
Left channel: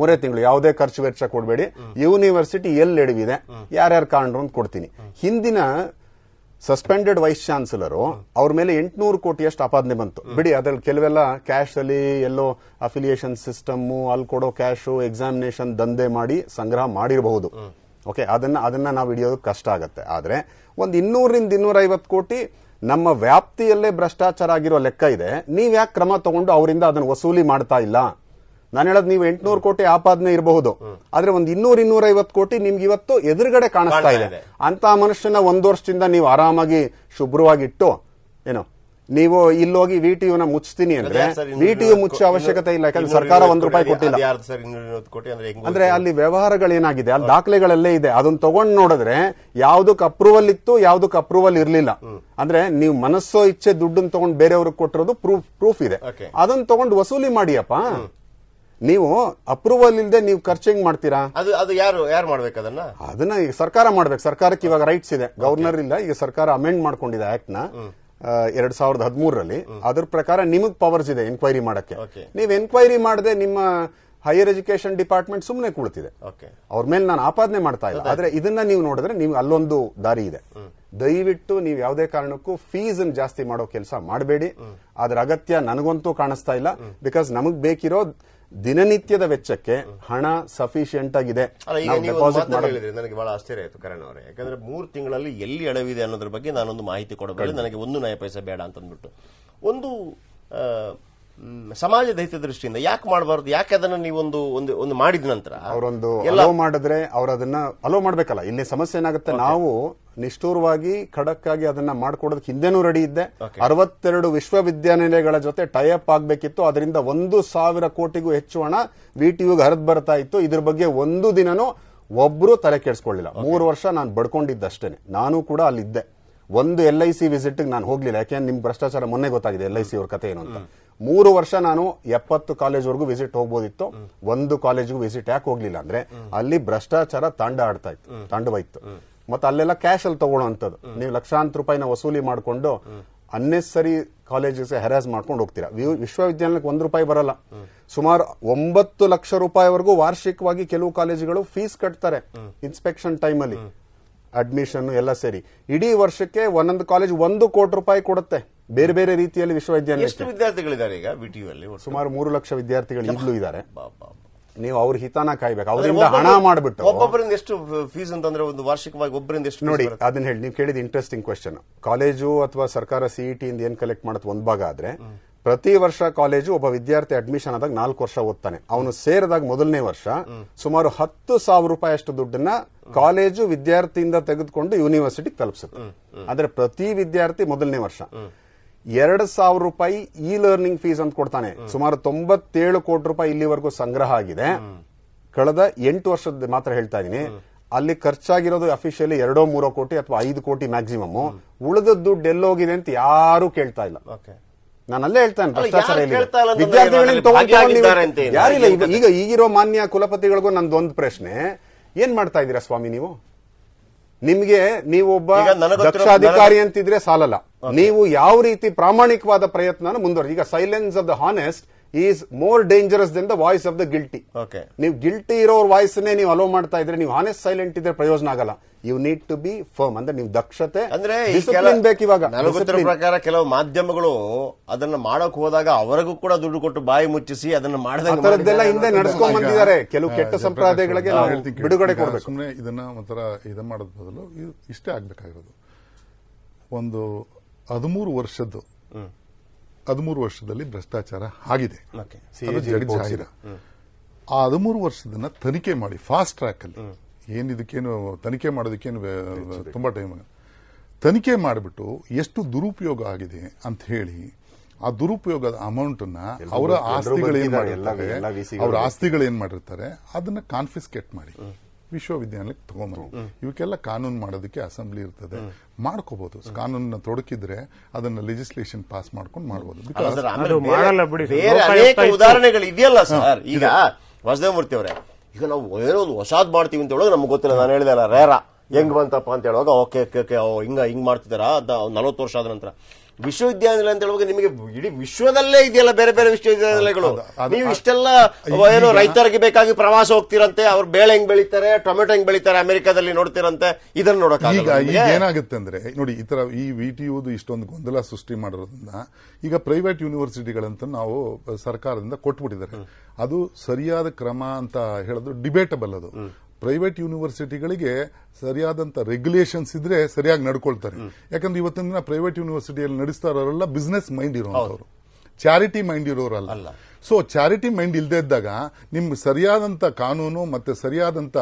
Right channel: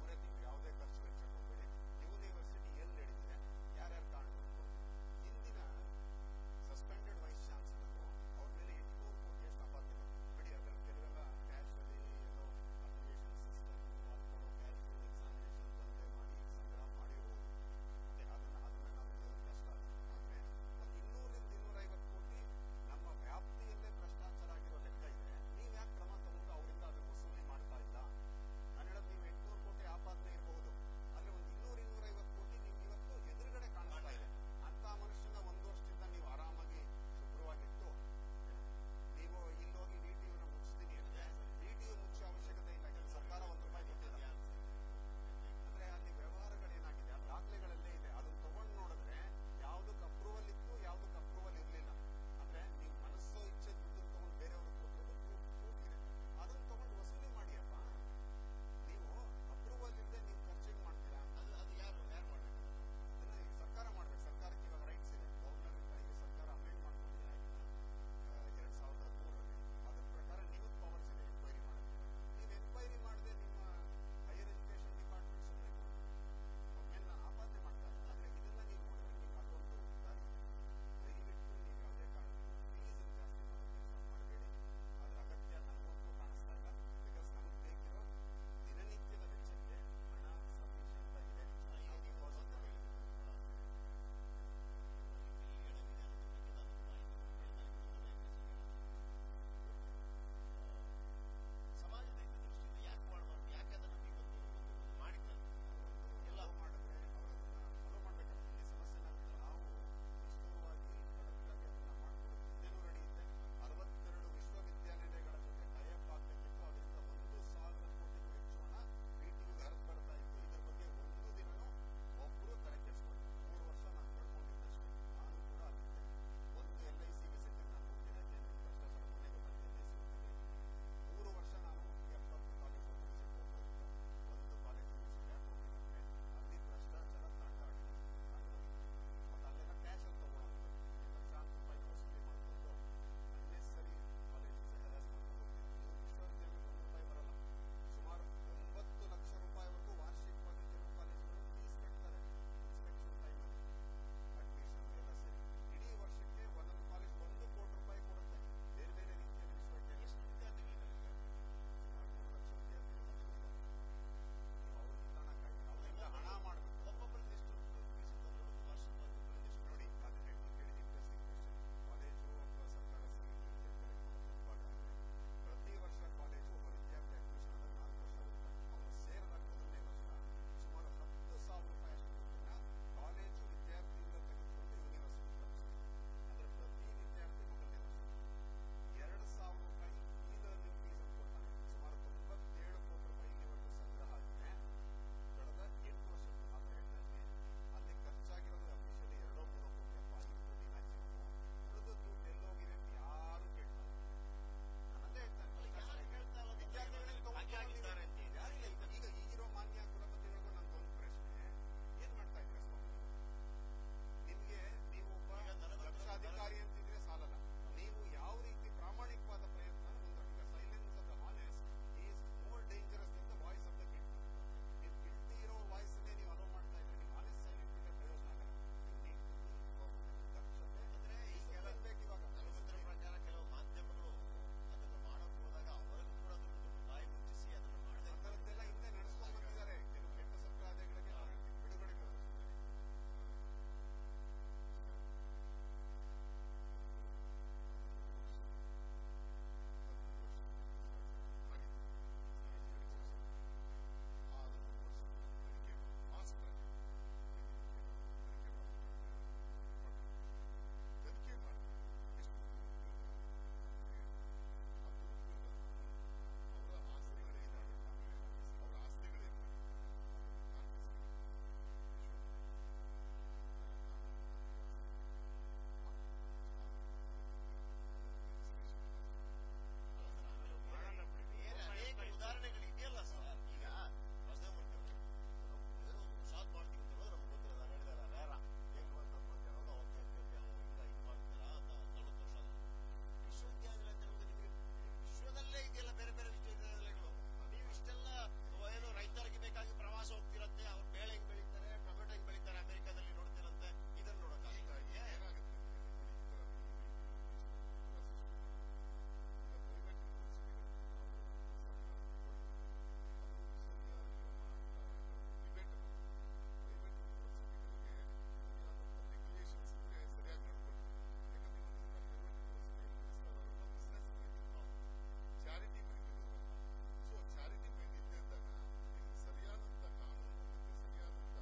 3 ತಿಂಗಳು ಯಾವುದೇ ಖರ್ಚು ವೆಚ್ಚ ಕೊಡಬೇಡಿ. ಯೂನಿವರ್ಸಿಟಿ ಎಲ್ಲಿ ಎಡವಿದೆ, ಯಾರ್ಯಾರು ಕಾರಣರು ಅಂತ ಕೊಡ್ತೀನಿ. ಹಿಂದಿನ ಸಸ್ಪೆಂಡೆಡ್ ವೈಸ್ ಚಾನ್ಸಲರ್ ಅವ್ರ ಮೇಲೆ 800 ಕೋಟಿಯಷ್ಟು ಆಪಾದನೆ ಬಂತು. ಬಿಡಿ, ಅದ್ರಲ್ಲಿ ಕೆಲವೆಲ್ಲ ಕ್ಯಾಶ್ ಅಲ್ಲಿ ಎಲ್ಲೋ ಅಫಿಲಿಯೇಷನ್ ಸಿಸ್ಟಮ್ ಅಲ್ಲಿ ಕೊಡೋ ಕ್ಯಾಶು ಎಕ್ಸಾಮಿನೇಷನ್ ದಂಧೆ ಮಾಡಿ ಸಂಗ್ರಹ ಮಾಡಿರಬಹುದು. ಓಕೆ, ಅದನ್ನ ನಾವು ಹಿಡಿಯೋದು ಕಷ್ಟ ಆಗತ್ತೆ. ಆದ್ರೆ ಒಂದು 200-250 ಕೋಟಿ ನಮ್ಮ ವ್ಯಾಪ್ತಿಯಲ್ಲೇ ಭ್ರಷ್ಟಾಚಾರ ಆಗಿರೋ ಲೆಕ್ಕ ಇದೆ. ನೀವ್ ಯಾಕೆ ಕ್ರಮ ತಗೊಂಡು ಅವರಿಂದ ಅದನ್ನು ವಸೂಲಿ ಮಾಡ್ತಾ ಇಲ್ಲ? ನಾನು ಹೇಳೋದು, ನೀವು 800 ಕೋಟಿ ಆಪಾದನೆ ಇರಬಹುದು, ಆದ್ರೆ ಒಂದು 200-250 ಕೋಟಿ ನಿಮ್ಗೆ ಇವತ್ತು ಎದುರುಗಡೆ ಕಾಣಿಸ್ತಾ ಇದೆ. ಅಂತ ಮನುಷ್ಯನ 1 ವರ್ಷದಿಂದ ನೀವು ಆರಾಮಾಗಿ ಶುಭ್ರವಾಗಿಟ್ಟು ಏನೋ ನೀವು ಇಲ್ಲೋಗಿ ವಿಟಿಯುನ ಮುಚ್ತೀನಿ ಅಂದ್ರೆ ವಿಟಿಯು ಮುಚ್ಚೋ ಅವಶ್ಯಕತೆ ಇಲ್ಲ. ಯಾಕಂದ್ರೆ ಸರ್ಕಾರ ₹1 ಕೊಟ್ಟಿಲ್ಲ. ಅಂದ್ರೆ ಅಲ್ಲಿ ವ್ಯವಹಾರಗಳೇನಾಗಿದೆ, ಅಲ್ಲಿ ದಾಖಲೆಗಳಲ್ಲೇ ಇದೆ. ಅದನ್ನ ತಗೊಂಡ್ ನೋಡಿದ್ರೆ ಯಾವ್ದಕ್ ಅಪ್ರೂವಲ್ ಇತ್ತು, ಯಾವ್ದಕ್ ಅಪ್ರೂವಲ್ ಇರ್ಲಿಲ್ಲ. ಅಂದ್ರೆ ನೀವು ಮನಸ್ಸೋ ಇಚ್ಛೆ ದುಡ್ಡನ್ನ ತಗೊಂಡು ಬೇರೆಯವ್ರಿಗೆ ಕೊಟ್ಟಿರೋದು ಪ್ರೂಫ್ ಇದೆ. ಅದನ್ನ ತಗೊಂಡು ವಸೂಲಿ ಮಾಡಿಯಪ್ಪ. ನೀವು ಅಪ್ರೂವಲ್ ಇಲ್ಲದೆ ನೀವು ಖರ್ಚು ಹೆಂಗ್ ಮಾಡ್ತೀರಾ? ಅದು ಯಾರು ಮಾಡ್ಬೇಕು ಅದನ್ನ ಈಗ ಸರ್ಕಾರ ಮಾಡ್ಬೇಕು. ಸರ್ಕಾರಕ್ಕೆ ಇವಾಗ ರೈಟ್ಸ್ ಇದೆ, ಗವರ್ನರ್ ಇಲ್ಲ. ಈಗ ಸರ್ಕಾರ ಅಮೆಂಡ್ ಮಾಡ್ಕೊಂಡಿದೆ ಆಕ್ಟ್ ನ 2013ರಲ್ಲಿ. ಅದ್ರ ಪ್ರಕಾರ ನಿಮಗ್ ಪವರ್ಸ್ ಇದೆ ಎನ್ಕ್ವೈರಿ ಮಾಡಕ್ಕೆ. ನೀವು ಎನ್ಕ್ವೈರಿ ಮಾಡದೆ ನಿಮ್ಮ ಹೈಯರ್ ಎಜುಕೇಶನ್ ಡಿಪಾರ್ಟ್ಮೆಂಟ್ ಸುಮ್ಮನೆ ಕೂಳ್ತಿದೆ. ಅವ್ರ ಮೇಲೆ ನಾನು ಆಪಾದನೆ ಮಾಡ್ತಾ ಇಲ್ಲ, ಆದ್ರೆ ಇದನ್ನ ನೀವು ನೋಡಿದ್ರೆ ನೀವು ಅಲ್ಲೊಂದು ದಾರಿ ಇದೆ. ದಯವಿಟ್ಟು ನೀವು ಯಾವುದೇ ಕಾರಣಕ್ಕೂ ಫೀಸ್ ಜಾಸ್ತಿ ಮಾಡೋ ಕೆಲಸ ಮಾಡಬೇಡಿ. ಅದ್ರ ಅಗತ್ಯ ನನಗಂತೂ ಕಾಣಿಸ್ತಾ ಇಲ್ಲ. ಬಿಕಾಸ್ ನಮಗ್ ಬೇಕಿರೋ ದಿನನಿತ್ಯದ ವೆಚ್ಚಕ್ಕೆ ಹಣ ಸಫಿಶಿಯಂಟ್ ಆಗಿದೆ. ನನಗೆ ಬಹಳ ಆಶ್ಚರ್ಯ ಆಯ್ತು ಕರಣ್ ಅವರೇ, ಯಾಕಂದ್ರೆ 3 ತಿಂಗಳಲ್ಲಿ ಎಲ್ಲಿ ಅಡವಿದೆ ಅನ್ನೋದ್ರ ಬಗ್ಗೆ ನಾನೊಂದು ಮಾಹಿತಿ ಕೊಡಬೇಡಿ, ನನಗೆ 1 ನಯ ಪೈಸೆ ಬೇಡ ಅಂತಂದ್ಬಿಟ್ಟು. ಒಂದು ಸಮಾಜದ ಹಿತ ದೃಷ್ಟಿಯಿಂದ ಯಾಕೆ ಮಾಡಬಾರ್ದು? ಯಾಕೆ ಅದನ್ನ ನೀವೊಂದು ಒಂದು ಮಾಡಿದ ನಂತರ ಅವರೊಂದು ಅಲೋ ಮಾಡಿದ್ರೆ ಅವ್ರು ಅದನ್ನ ಅಲೋ ಮಾಡ್ಬೇಕಲ್ಲ. ಇಲ್ಲಿ ಸಮಸ್ಯೆ ಏನಾಗುತ್ತೆ, ನಾವು ನಿಷ್ಠೂರವಾಗಿ ಖಡಕ್ ಆಗಿ ಅದನ್ನ ಮಾಡ್ಕೊಡೋದಕ್ಕೆ ಹಿಂದೆನೂ ರೆಡಿ ಇದ್ದೆ. 62 ವಿಶ್ವವಿದ್ಯಾನಿಲಯಗಳ ಜೊತೆ ಟೈ ಅಪ್ ಆಗ್ಬೇಕಿತ್ತು. ಅದರಿಂದ 1,000 ಕೋಟಿಗೂ ಹೆಚ್ಚು ಹಣ ವಿಟಿಯುಗೆ ಹರಿದು ಬರ್ತಾ ಇತ್ತು. ಇದ್ರ ಬಗ್ಗೆ ಒಂದು ದಿನನೂ ಒಬ್ರು ತಲೆ ಕೆಡಿಸ್ಕೊಳ್ಳಿಲ್ಲ. 3 ವರ್ಷ ನಾನು ಬಡ್ಕೊಂಡಿದ್ದಷ್ಟೇನೆ. ನಾನು ಕೂಡ ಅಲ್ಲಿದ್ದೆ. ಒಂದು LIC ವಿಸಿಟ್ ನಾನು ಹೋಗ್ಲಿಲ್ಲ, ಯಾಕೆಂದ್ರೆ ನಿಮ್ ಭ್ರಷ್ಟಾಚಾರ ಮೊನ್ನೆ ಗೊತ್ತಾಗಿದೆ LIC ಅವ್ರ ಕತೆ ಏನು ಅಂತ. 3 ವರ್ಷ ನಾನು 70 ಕಾಲೇಜ್ವರೆಗೂ ವಿಸಿಟ್ ಹೋಗ್ಬೋದಿತ್ತು, ಒಂದು ಕಾಲೇಜ್ಗೂ ವಿಸಿಟ್ ಯಾಕೆ ಹೋಗ್ಲಿಲ್ಲ ಅಂದ್ರೆ ಅಲ್ಲಿ ಭ್ರಷ್ಟಾಚಾರ ತಾಂಡವಾಯ್ತು. ಮತ್ತೆ ಅಲ್ಲೆಲ್ಲ ಕ್ಯಾಶ್ ಅಲ್ಲಿ ತಗೊಳ್ಳೋಂಥದ್ದು. ನೀವು ಲಕ್ಷಾಂತರ ರೂಪಾಯಿನ ವಸೂಲಿ ಮಾಡ್ಕೊಂಡು ಅನ್ನೆಸರಿ ಕಾಲೇಜಸ್ ಹೆರಾಸ್ ಮಾಡ್ಕೊಂಡು ಹೋಗ್ತೀರಾ. ವಿಶ್ವವಿದ್ಯಾಲಯಕ್ಕೆ ₹1 ಬರಲ್ಲ. ಸುಮಾರು 9 ಲಕ್ಷ ರೂಪಾಯಿವರೆಗೂ ವಾರ್ಷಿಕವಾಗಿ ಕೆಲವು ಕಾಲೇಜುಗಳು ಫೀಸ್ ಕಟ್ತಾರೆ ಇನ್ಸ್ಪೆಕ್ಷನ್ ಟೈಮ್ ಅಲ್ಲಿ, ಅಡ್ಮಿಷನ್ ಎಲ್ಲ ಸೇರಿ. ಇಡೀ ವರ್ಷಕ್ಕೆ ಒಂದೊಂದು ಕಾಲೇಜ್ ₹1 ಕೋಟಿ ಕೊಡುತ್ತೆ ಬೇರೆ ಬೇರೆ ರೀತಿಯಲ್ಲಿ ವಿಶ್ವವಿದ್ಯಾಲಯ. ಎಷ್ಟು ವಿದ್ಯಾರ್ಥಿಗಳಿದ್ದಾರೆ ಈಗ ವಿಟಿಯು ಅಲ್ಲಿ? ಸುಮಾರು 3 ಲಕ್ಷ ವಿದ್ಯಾರ್ಥಿಗಳು ಈಗಲೂ ಇದ್ದಾರೆ. ನೀವು ಅವ್ರ ಹಿತಾನ ಕಾಯ್ಬೇಕು, ಅವರಿಂದ ಹಣ ಮಾಡ್ಬಿಟ್ಟು. ಒಬ್ಬೊಬ್ಬರಿಂದ ಎಷ್ಟು ಫೀಸ್ ಅಂತಂದ್ರೆ ಒಂದು ವಾರ್ಷಿಕವಾಗಿ ಒಬ್ಬರಿಂದ ಎಷ್ಟು ನೋಡಿ ಅದನ್ನ ಹೇಳಿ. ನೀವು ಕೇಳಿದ ಇಂಟ್ರೆಸ್ಟಿಂಗ್ ಕ್ವೆಶ್ಚನ್. ಕಾಲೇಜು ಅಥವಾ ಸರ್ಕಾರ CET ಇಂದ ಏನ್ ಕಲೆಕ್ಟ್ ಮಾಡುತ್ತೆ ಒಂದು ಭಾಗ ಆದ್ರೆ, ಪ್ರತಿ ವರ್ಷ ಕಾಲೇಜು ಒಬ್ಬ ವಿದ್ಯಾರ್ಥಿ ಅಡ್ಮಿಷನ್ ಆದಾಗ 4 ವರ್ಷ ಓದ್ತಾನೆ. ಅವನು ಸೇರಿದಾಗ ಮೊದಲನೇ ವರ್ಷ ಸುಮಾರು ₹10,000 ಅಷ್ಟು ದುಡ್ಡನ್ನ ಕಾಲೇಜು ವಿದ್ಯಾರ್ಥಿಯಿಂದ ತೆಗೆದುಕೊಂಡು ಯೂನಿವರ್ಸಿಟಿಗೆ ತಲುಪಿಸುತ್ತೆ. ಆದ್ರೆ ಪ್ರತಿ ವಿದ್ಯಾರ್ಥಿ ಮೊದಲನೇ ವರ್ಷ ₹2,000 ಇ ಲರ್ನಿಂಗ್ ಫೀಸ್ ಅಂತ ಕೊಡ್ತಾನೆ. ಸುಮಾರು ₹97 ಕೋಟಿ ಇಲ್ಲಿವರೆಗೂ ಸಂಗ್ರಹ ಆಗಿದೆ. ಕಳೆದ 8 ವರ್ಷದ ಮಾತ್ರ ಹೇಳ್ತಾ ಇದೀನಿ. ಅಲ್ಲಿ ಖರ್ಚಾಗಿರೋದು ಅಫಿಷಿಯಲಿ 2-3 ಕೋಟಿ ಅಥವಾ 5 ಕೋಟಿ ಮ್ಯಾಕ್ಸಿಮಮ್. ಉಳಿದ ದುಡ್ಡು ಎಲ್ಲೋಗಿದೆ ಅಂತ ಯಾರು ಕೇಳ್ತಾ ಇಲ್ಲ. ನಾನು ಅಲ್ಲೇ ಹೇಳ್ತಾನೆ, ಭ್ರಷ್ಟಾಚಾರ ವಿದ್ಯಾರ್ಥಿಗಳಿಗೆ ಯಾರಿಲ್ಲ. ಈಗ ಈಗಿರೋ ಮಾನ್ಯ ಕುಲಪತಿಗಳಿಗೂ ನಂದೊಂದು ಪ್ರಶ್ನೆ, ಏನ್ ಮಾಡ್ತಾ ಇದ್ದೀರಾ ಸ್ವಾಮಿ ನೀವು? ನಿಮ್ಗೆ ನೀವೊಬ್ಬ ದಕ್ಷ ಅಧಿಕಾರಿ ಅಂತಿದ್ರೆ ಸಾಲಲ್ಲ, ನೀವು ಯಾವ ರೀತಿ ಪ್ರಾಮಾಣಿಕವಾದ ಪ್ರಯತ್ನ ಮುಂದುವರೆಸಿ. ಈಗ silence of the honest is more dangerous than the voice of the guilty. ನೀವು ಗಿಲ್ಟಿ ಇರೋರ್ ವಾಯ್ಸ್ ನೀವು ಅಲೋ ಮಾಡ್ತಾ ಇದ್ರೆ, ನೀವು ಹಾನೆಸ್ಟ್ ಸೈಲೆಂಟ್ ಇದ್ರೆ ಪ್ರಯೋಜನ ಆಗಲ್ಲ. You need to be firm. ಅಂದ್ರೆ ನೀವು ದಕ್ಷತೆ ಅಂದ್ರೆ ಬೇಕು. ಇವಾಗ ನನಗೊತ್ತಿರೋ ಪ್ರಕಾರ ಕೆಲವು ಮಾಧ್ಯಮಗಳು ಅದನ್ನ ಮಾಡಕ್ ಹೋದಾಗ ಅವರಿಗೂ ಕೂಡ ದುಡ್ಡು ಕೊಟ್ಟು ಬಾಯಿ ಮುಚ್ಚಿಸಿ ಅದನ್ನ ಮಾಡದೆಲ್ಲ ಹಿಂದೆ ನಡೆಸ್ಕೊಂಡ್ ಬಂದಿದ್ದಾರೆ. ಕೆಲವು ಕೆಟ್ಟ ಸಂಪ್ರದಾಯಗಳಿಗೆ ಬಿಡುಗಡೆ ಕೊಡಬೇಕು. ಸುಮ್ಮನೆ ಇದನ್ನ ಒಂಥರ ಇದನ್ನ ಮಾಡೋದ್ ಬದಲು ಇಷ್ಟೇ ಆಗ್ಬೇಕಾಗಿರೋದು. ಒಂದು 13 ವರ್ಷದಲ್ಲಿ ಭ್ರಷ್ಟಾಚಾರ ಆಗಿದೆ, ಜಗಜ್ಜಾಹಿರ. ಆ 13 ವರ್ಷದನ್ನ ತನಿಖೆ ಮಾಡಿ ಫಾಸ್ಟ್ ಟ್ರ್ಯಾಕ್ ಅಲ್ಲಿ. ಇದಕ್ಕೇನು ತನಿಖೆ ಮಾಡೋದಕ್ಕೇನು ತುಂಬಾ ಟೈಮ್ ತನಿಖೆ ಮಾಡಿಬಿಟ್ಟು ಎಷ್ಟು ದುರುಪಯೋಗ ಆಗಿದೆ ಅಂತ ಹೇಳಿ ಆ ದುರುಪಯೋಗದ ಅಮೌಂಟ್ ಅನ್ನ ಅವರ ಆಸ್ತಿಗಳೇನ್ ಮಾಡಿರ್ತಾರೆ ಅದನ್ನ ಕಾನ್ಫಿಸ್ಕೇಟ್ ಮಾಡಿ ವಿಶ್ವವಿದ್ಯಾಲಯಕ್ಕೆ ತಗೊಂಡ್ಬಂದು. ಇವಕ್ಕೆಲ್ಲ ಕಾನೂನು ಮಾಡೋದಕ್ಕೆ ಅಸೆಂಬ್ಲಿ ಇರ್ತದೆ, ಮಾಡ್ಕೋಬಹುದು. ಕಾನೂನನ್ನ ತೊಡಕಿದ್ರೆ ಅದನ್ನ ಲೆಜಿಸ್ಲೇಷನ್ ಪಾಸ್ ಮಾಡ್ಕೊಂಡು ಮಾಡಬಹುದು. ಉದಾಹರಣೆಗಳು ಇದೆಯಲ್ಲ ಸರ್. ಈಗ ವಾಸುದೇವಮೂರ್ತಿ ಅವರೇ, ಈಗ ನಾವು ಏನೋ ಹೊಸಾದ್ ಮಾಡ್ತೀವಿ ಅಂತ ಹೇಳೋದು ನಮ್ಗೆ ಗೊತ್ತಿಲ್ಲ. ನಾನು ಹೇಳಿದಲ್ಲ ರೇರ ಹೆಂಗ್ ಬಂತಪ್ಪ ಅಂತ ಹೇಳುವಾಗ ಓಕೆ ಹಿಂಗ್ ಮಾಡ್ತಿದಾರ 40 ವರ್ಷ ಆದ ನಂತರ. ವಿಶ್ವವಿದ್ಯಾನಿಲಯ ಅಂತ ಹೇಳುವಾಗ ನಿಮಗೆ ಇಡೀ ವಿಶ್ವದಲ್ಲೇ ಇದೆಯಲ್ಲ ಬೇರೆ ಬೇರೆ ವಿಶ್ವವಿದ್ಯಾನಿಲಯಗಳು. ನೀವು ಇಷ್ಟೆಲ್ಲ ಏನೋ ರೈತರಿಗೆ ಬೇಕಾಗಿ ಪ್ರವಾಸ ಹೋಗ್ತಿರಂತೆ, ಅವ್ರು ಬೇಳೆ ಹೆಂಗ್ ಬೆಳಿತಾರೆ, ಟೊಮೆಟೊ ಹೆಂಗ್ ಬೆಳಿತಾರೆ ಅಮೆರಿಕಾದಲ್ಲಿ ನೋಡ್ತಿರಂತೆ. ಇದನ್ನ ನೋಡಕ್ ಈಗ ಏನಾಗುತ್ತೆ ಅಂದ್ರೆ ನೋಡಿ, ಈ ತರ ಈ ವಿಟಿಯುದು ಇಷ್ಟೊಂದು ಗೊಂದಲ ಸೃಷ್ಟಿ ಮಾಡೋದ್ರಿಂದ ಈಗ ಪ್ರೈವೇಟ್ ಯೂನಿವರ್ಸಿಟಿಗಳಂತ ನಾವು ಸರ್ಕಾರದಿಂದ ಕೊಟ್ಬಿಟ್ಟಿದ್ದಾರೆ. ಅದು ಸರಿಯಾದ ಕ್ರಮ ಅಂತ ಹೇಳಿದ್ರು ಡಿಬೇಟಬಲ್. ಅದು ಪ್ರೈವೇಟ್ ಯೂನಿವರ್ಸಿಟಿಗಳಿಗೆ ಸರಿಯಾದಂತ ರೆಗ್ಯುಲೇಷನ್ಸ್ ಇದ್ರೆ ಸರಿಯಾಗಿ ನಡ್ಕೊಳ್ತಾರೆ. ಯಾಕಂದ್ರೆ ಇವತ್ತಿನ ದಿನ ಪ್ರೈವೇಟ್ ಯೂನಿವರ್ಸಿಟಿಯಲ್ಲಿ ನಡೆಸ್ತಾ ಇರೋರೆಲ್ಲ ಬಿಸ್ನೆಸ್ ಮೈಂಡ್ ಇರೋರು, ಚಾರಿಟಿ ಮೈಂಡ್ ಇರೋರಲ್ಲ. ಸೊ ಚಾರಿಟಿ ಮೈಂಡ್ ಇಲ್ಲದೆ ಇದ್ದಾಗ ನಿಮ್ಗೆ ಸರಿಯಾದಂತ ಕಾನೂನು ಮತ್ತೆ ಸರಿಯಾದಂತ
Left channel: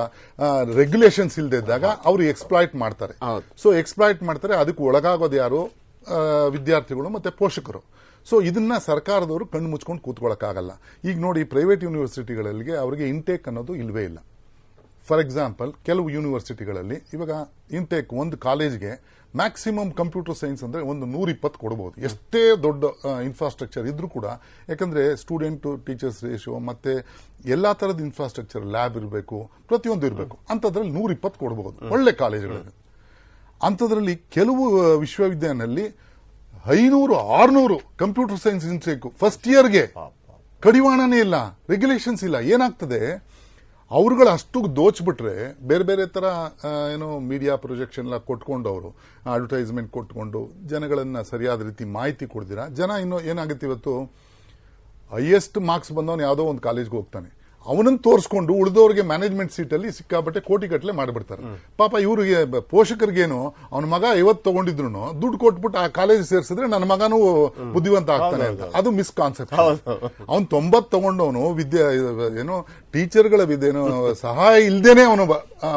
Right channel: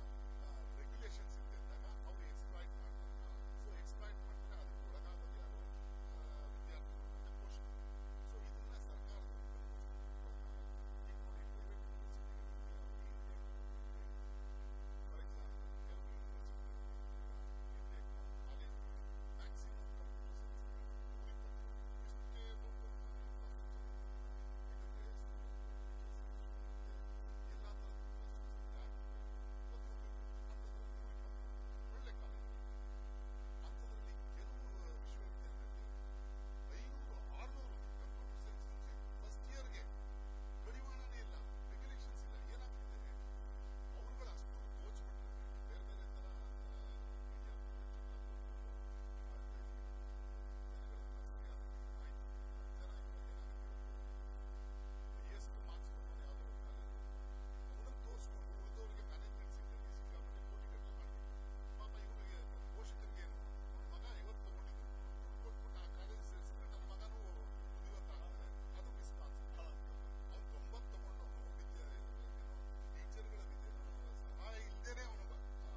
ರೆಗ್ಯುಲೇಷನ್ಸ್ ಇಲ್ಲದೆ ಇದ್ದಾಗ ಅವರು ಎಕ್ಸ್ಪ್ಲಾಯ್ಟ್ ಮಾಡ್ತಾರೆ. ಸೊ ಎಕ್ಸ್ಪ್ಲಾಯ್ಟ್ ಮಾಡ್ತಾರೆ. ಅದಕ್ಕೆ ಒಳಗಾಗೋದು ಯಾರು? ವಿದ್ಯಾರ್ಥಿಗಳು ಮತ್ತೆ ಪೋಷಕರು. ಸೊ ಇದನ್ನ ಸರ್ಕಾರದವರು ಕಣ್ಣು ಮುಚ್ಕೊಂಡು ಕೂತ್ಕೊಳ್ಳೋಕ್ಕಾಗಲ್ಲ. ಈಗ ನೋಡಿ, ಪ್ರೈವೇಟ್ ಯೂನಿವರ್ಸಿಟಿಗಳಿಗೆ ಅವರಿಗೆ ಇಂಟೇಕ್ ಅನ್ನೋದು ಇಲ್ವೇ ಇಲ್ಲ. ಫಾರ್ ಎಕ್ಸಾಂಪಲ್, ಕೆಲವು ಯೂನಿವರ್ಸಿಟಿಗಳಲ್ಲಿ ಇವಾಗ ಇಂಟೇಕ್ ಒಂದು ಕಾಲೇಜ್ಗೆ ಮ್ಯಾಕ್ಸಿಮಮ್ ಕಂಪ್ಯೂಟರ್ ಸೈನ್ಸ್ ಅಂದ್ರೆ ಒಂದು 120 ಕೊಡಬಹುದು, ಎಷ್ಟೇ ದೊಡ್ಡ ಇನ್ಫ್ರಾಸ್ಟ್ರಕ್ಚರ್ ಇದ್ರೂ ಕೂಡ. ಯಾಕಂದ್ರೆ ಸ್ಟೂಡೆಂಟ್ ಟು ಟೀಚರ್ಸ್ ರೇಷಿಯೋ ಮತ್ತೆ ಎಲ್ಲಾ ತರದ ಇನ್ಫ್ರಾಸ್ಟ್ರಕ್ಚರ್, ಲ್ಯಾಬ್ ಇರಬೇಕು, ಪ್ರತಿಯೊಂದು ಇರಬೇಕು. ಅಂತದ್ರಲ್ಲಿ 120 ಕೊಡಬಹುದು ಒಳ್ಳೆ ಕಾಲೇಜುಗಳಲ್ಲಿ. ಅಂಥದ್ರಲ್ಲಿ ಕೆಲವು ವಿಶ್ವವಿದ್ಯಾಲಯದಲ್ಲಿ 500-600 ಕಂಪ್ಯೂಟರ್ ಸೈನ್ಸ್ ಇನ್ಸ್ಟಿಟ್ಯೂಟ್ ಫಸ್ಟ್ ಇಯರ್ಗೆ. ಕಡಿವಾಣನೇ ಇಲ್ಲ, ರೆಗ್ಯುಲೇಷನ್ಸ್ ಇಲ್ಲ. ಏನಾಗ್ತದೆ, ಅವ್ರುಗಳು ಅಷ್ಟು ದೋಚ್ಬಿಟ್ರೆ ಬೇರೆ ಬೇರೆ ತರ ಏನೋ ಮೀಡಿಯಾ ಪ್ರೊಜೆಕ್ಷನ್ ಎಲ್ಲ ಕೊಟ್ಕೊಂಡು, ಅವರು ಅಡ್ವರ್ಟೈಸ್ಮೆಂಟ್ ಕೊಟ್ಕೊಂಡು ಜನಗಳನ್ನ ಸರಿಯಾದ ರೀತಿ ಮಾಹಿತಿ ಕೊಡ್ದಿರಾ ಜನ ಇನ್ನೂ ಏನಾಗುತ್ತೆ, ಇವತ್ತು ಹೈಯೆಸ್ಟ್ ಮಾರ್ಕ್ಸ್ ಬಂದವನು ಯಾವುದೋ ಒಂದು ಕಾಲೇಜ್ಗೆ ಹೋಗ್ತಾನೆ, ಅವನನ್ನು ತೋರಿಸ್ಕೊಂಡು ಉಳಿದವ್ರಿಗೆ ಮ್ಯಾನೇಜ್ಮೆಂಟ್ ಸೀಟಲ್ಲಿ ಸಿಕ್ಕಾಪಟ್ಟೆ ಕೋಟಿಗಟ್ಟಲೆ ಮಾಡಿಬಿಡ್ತಾರೆ. ಪಾಪ ಇವ್ರಿಗೆ ಪೋಷಕರಿಗೇನು ಅವನ ಮಗ 50 ತಗೊಂಡಿದ್ರು ದುಡ್ಡು ಕೊಟ್ಬಿಟ್ಟು ಆ ಕಾಲೇಜ್ ಸೇರಿಸಿದ್ರೆ ನನ್ನ ಮಗನೂ ಬುದ್ಧಿವಂತ ಆಗ್ತಾನೆ ಅಂತ. ಅದು ಮಿಸ್ ಕಾನ್ಸೆಪ್ಟ್. ಅವ್ನು 90 ತಗೊಂಡವನು ಏನೋ ಟೀಚರ್ಗಳ ಏನೋ ಸಹಾಯ ಇಲ್ದೇನೆ ಅವನು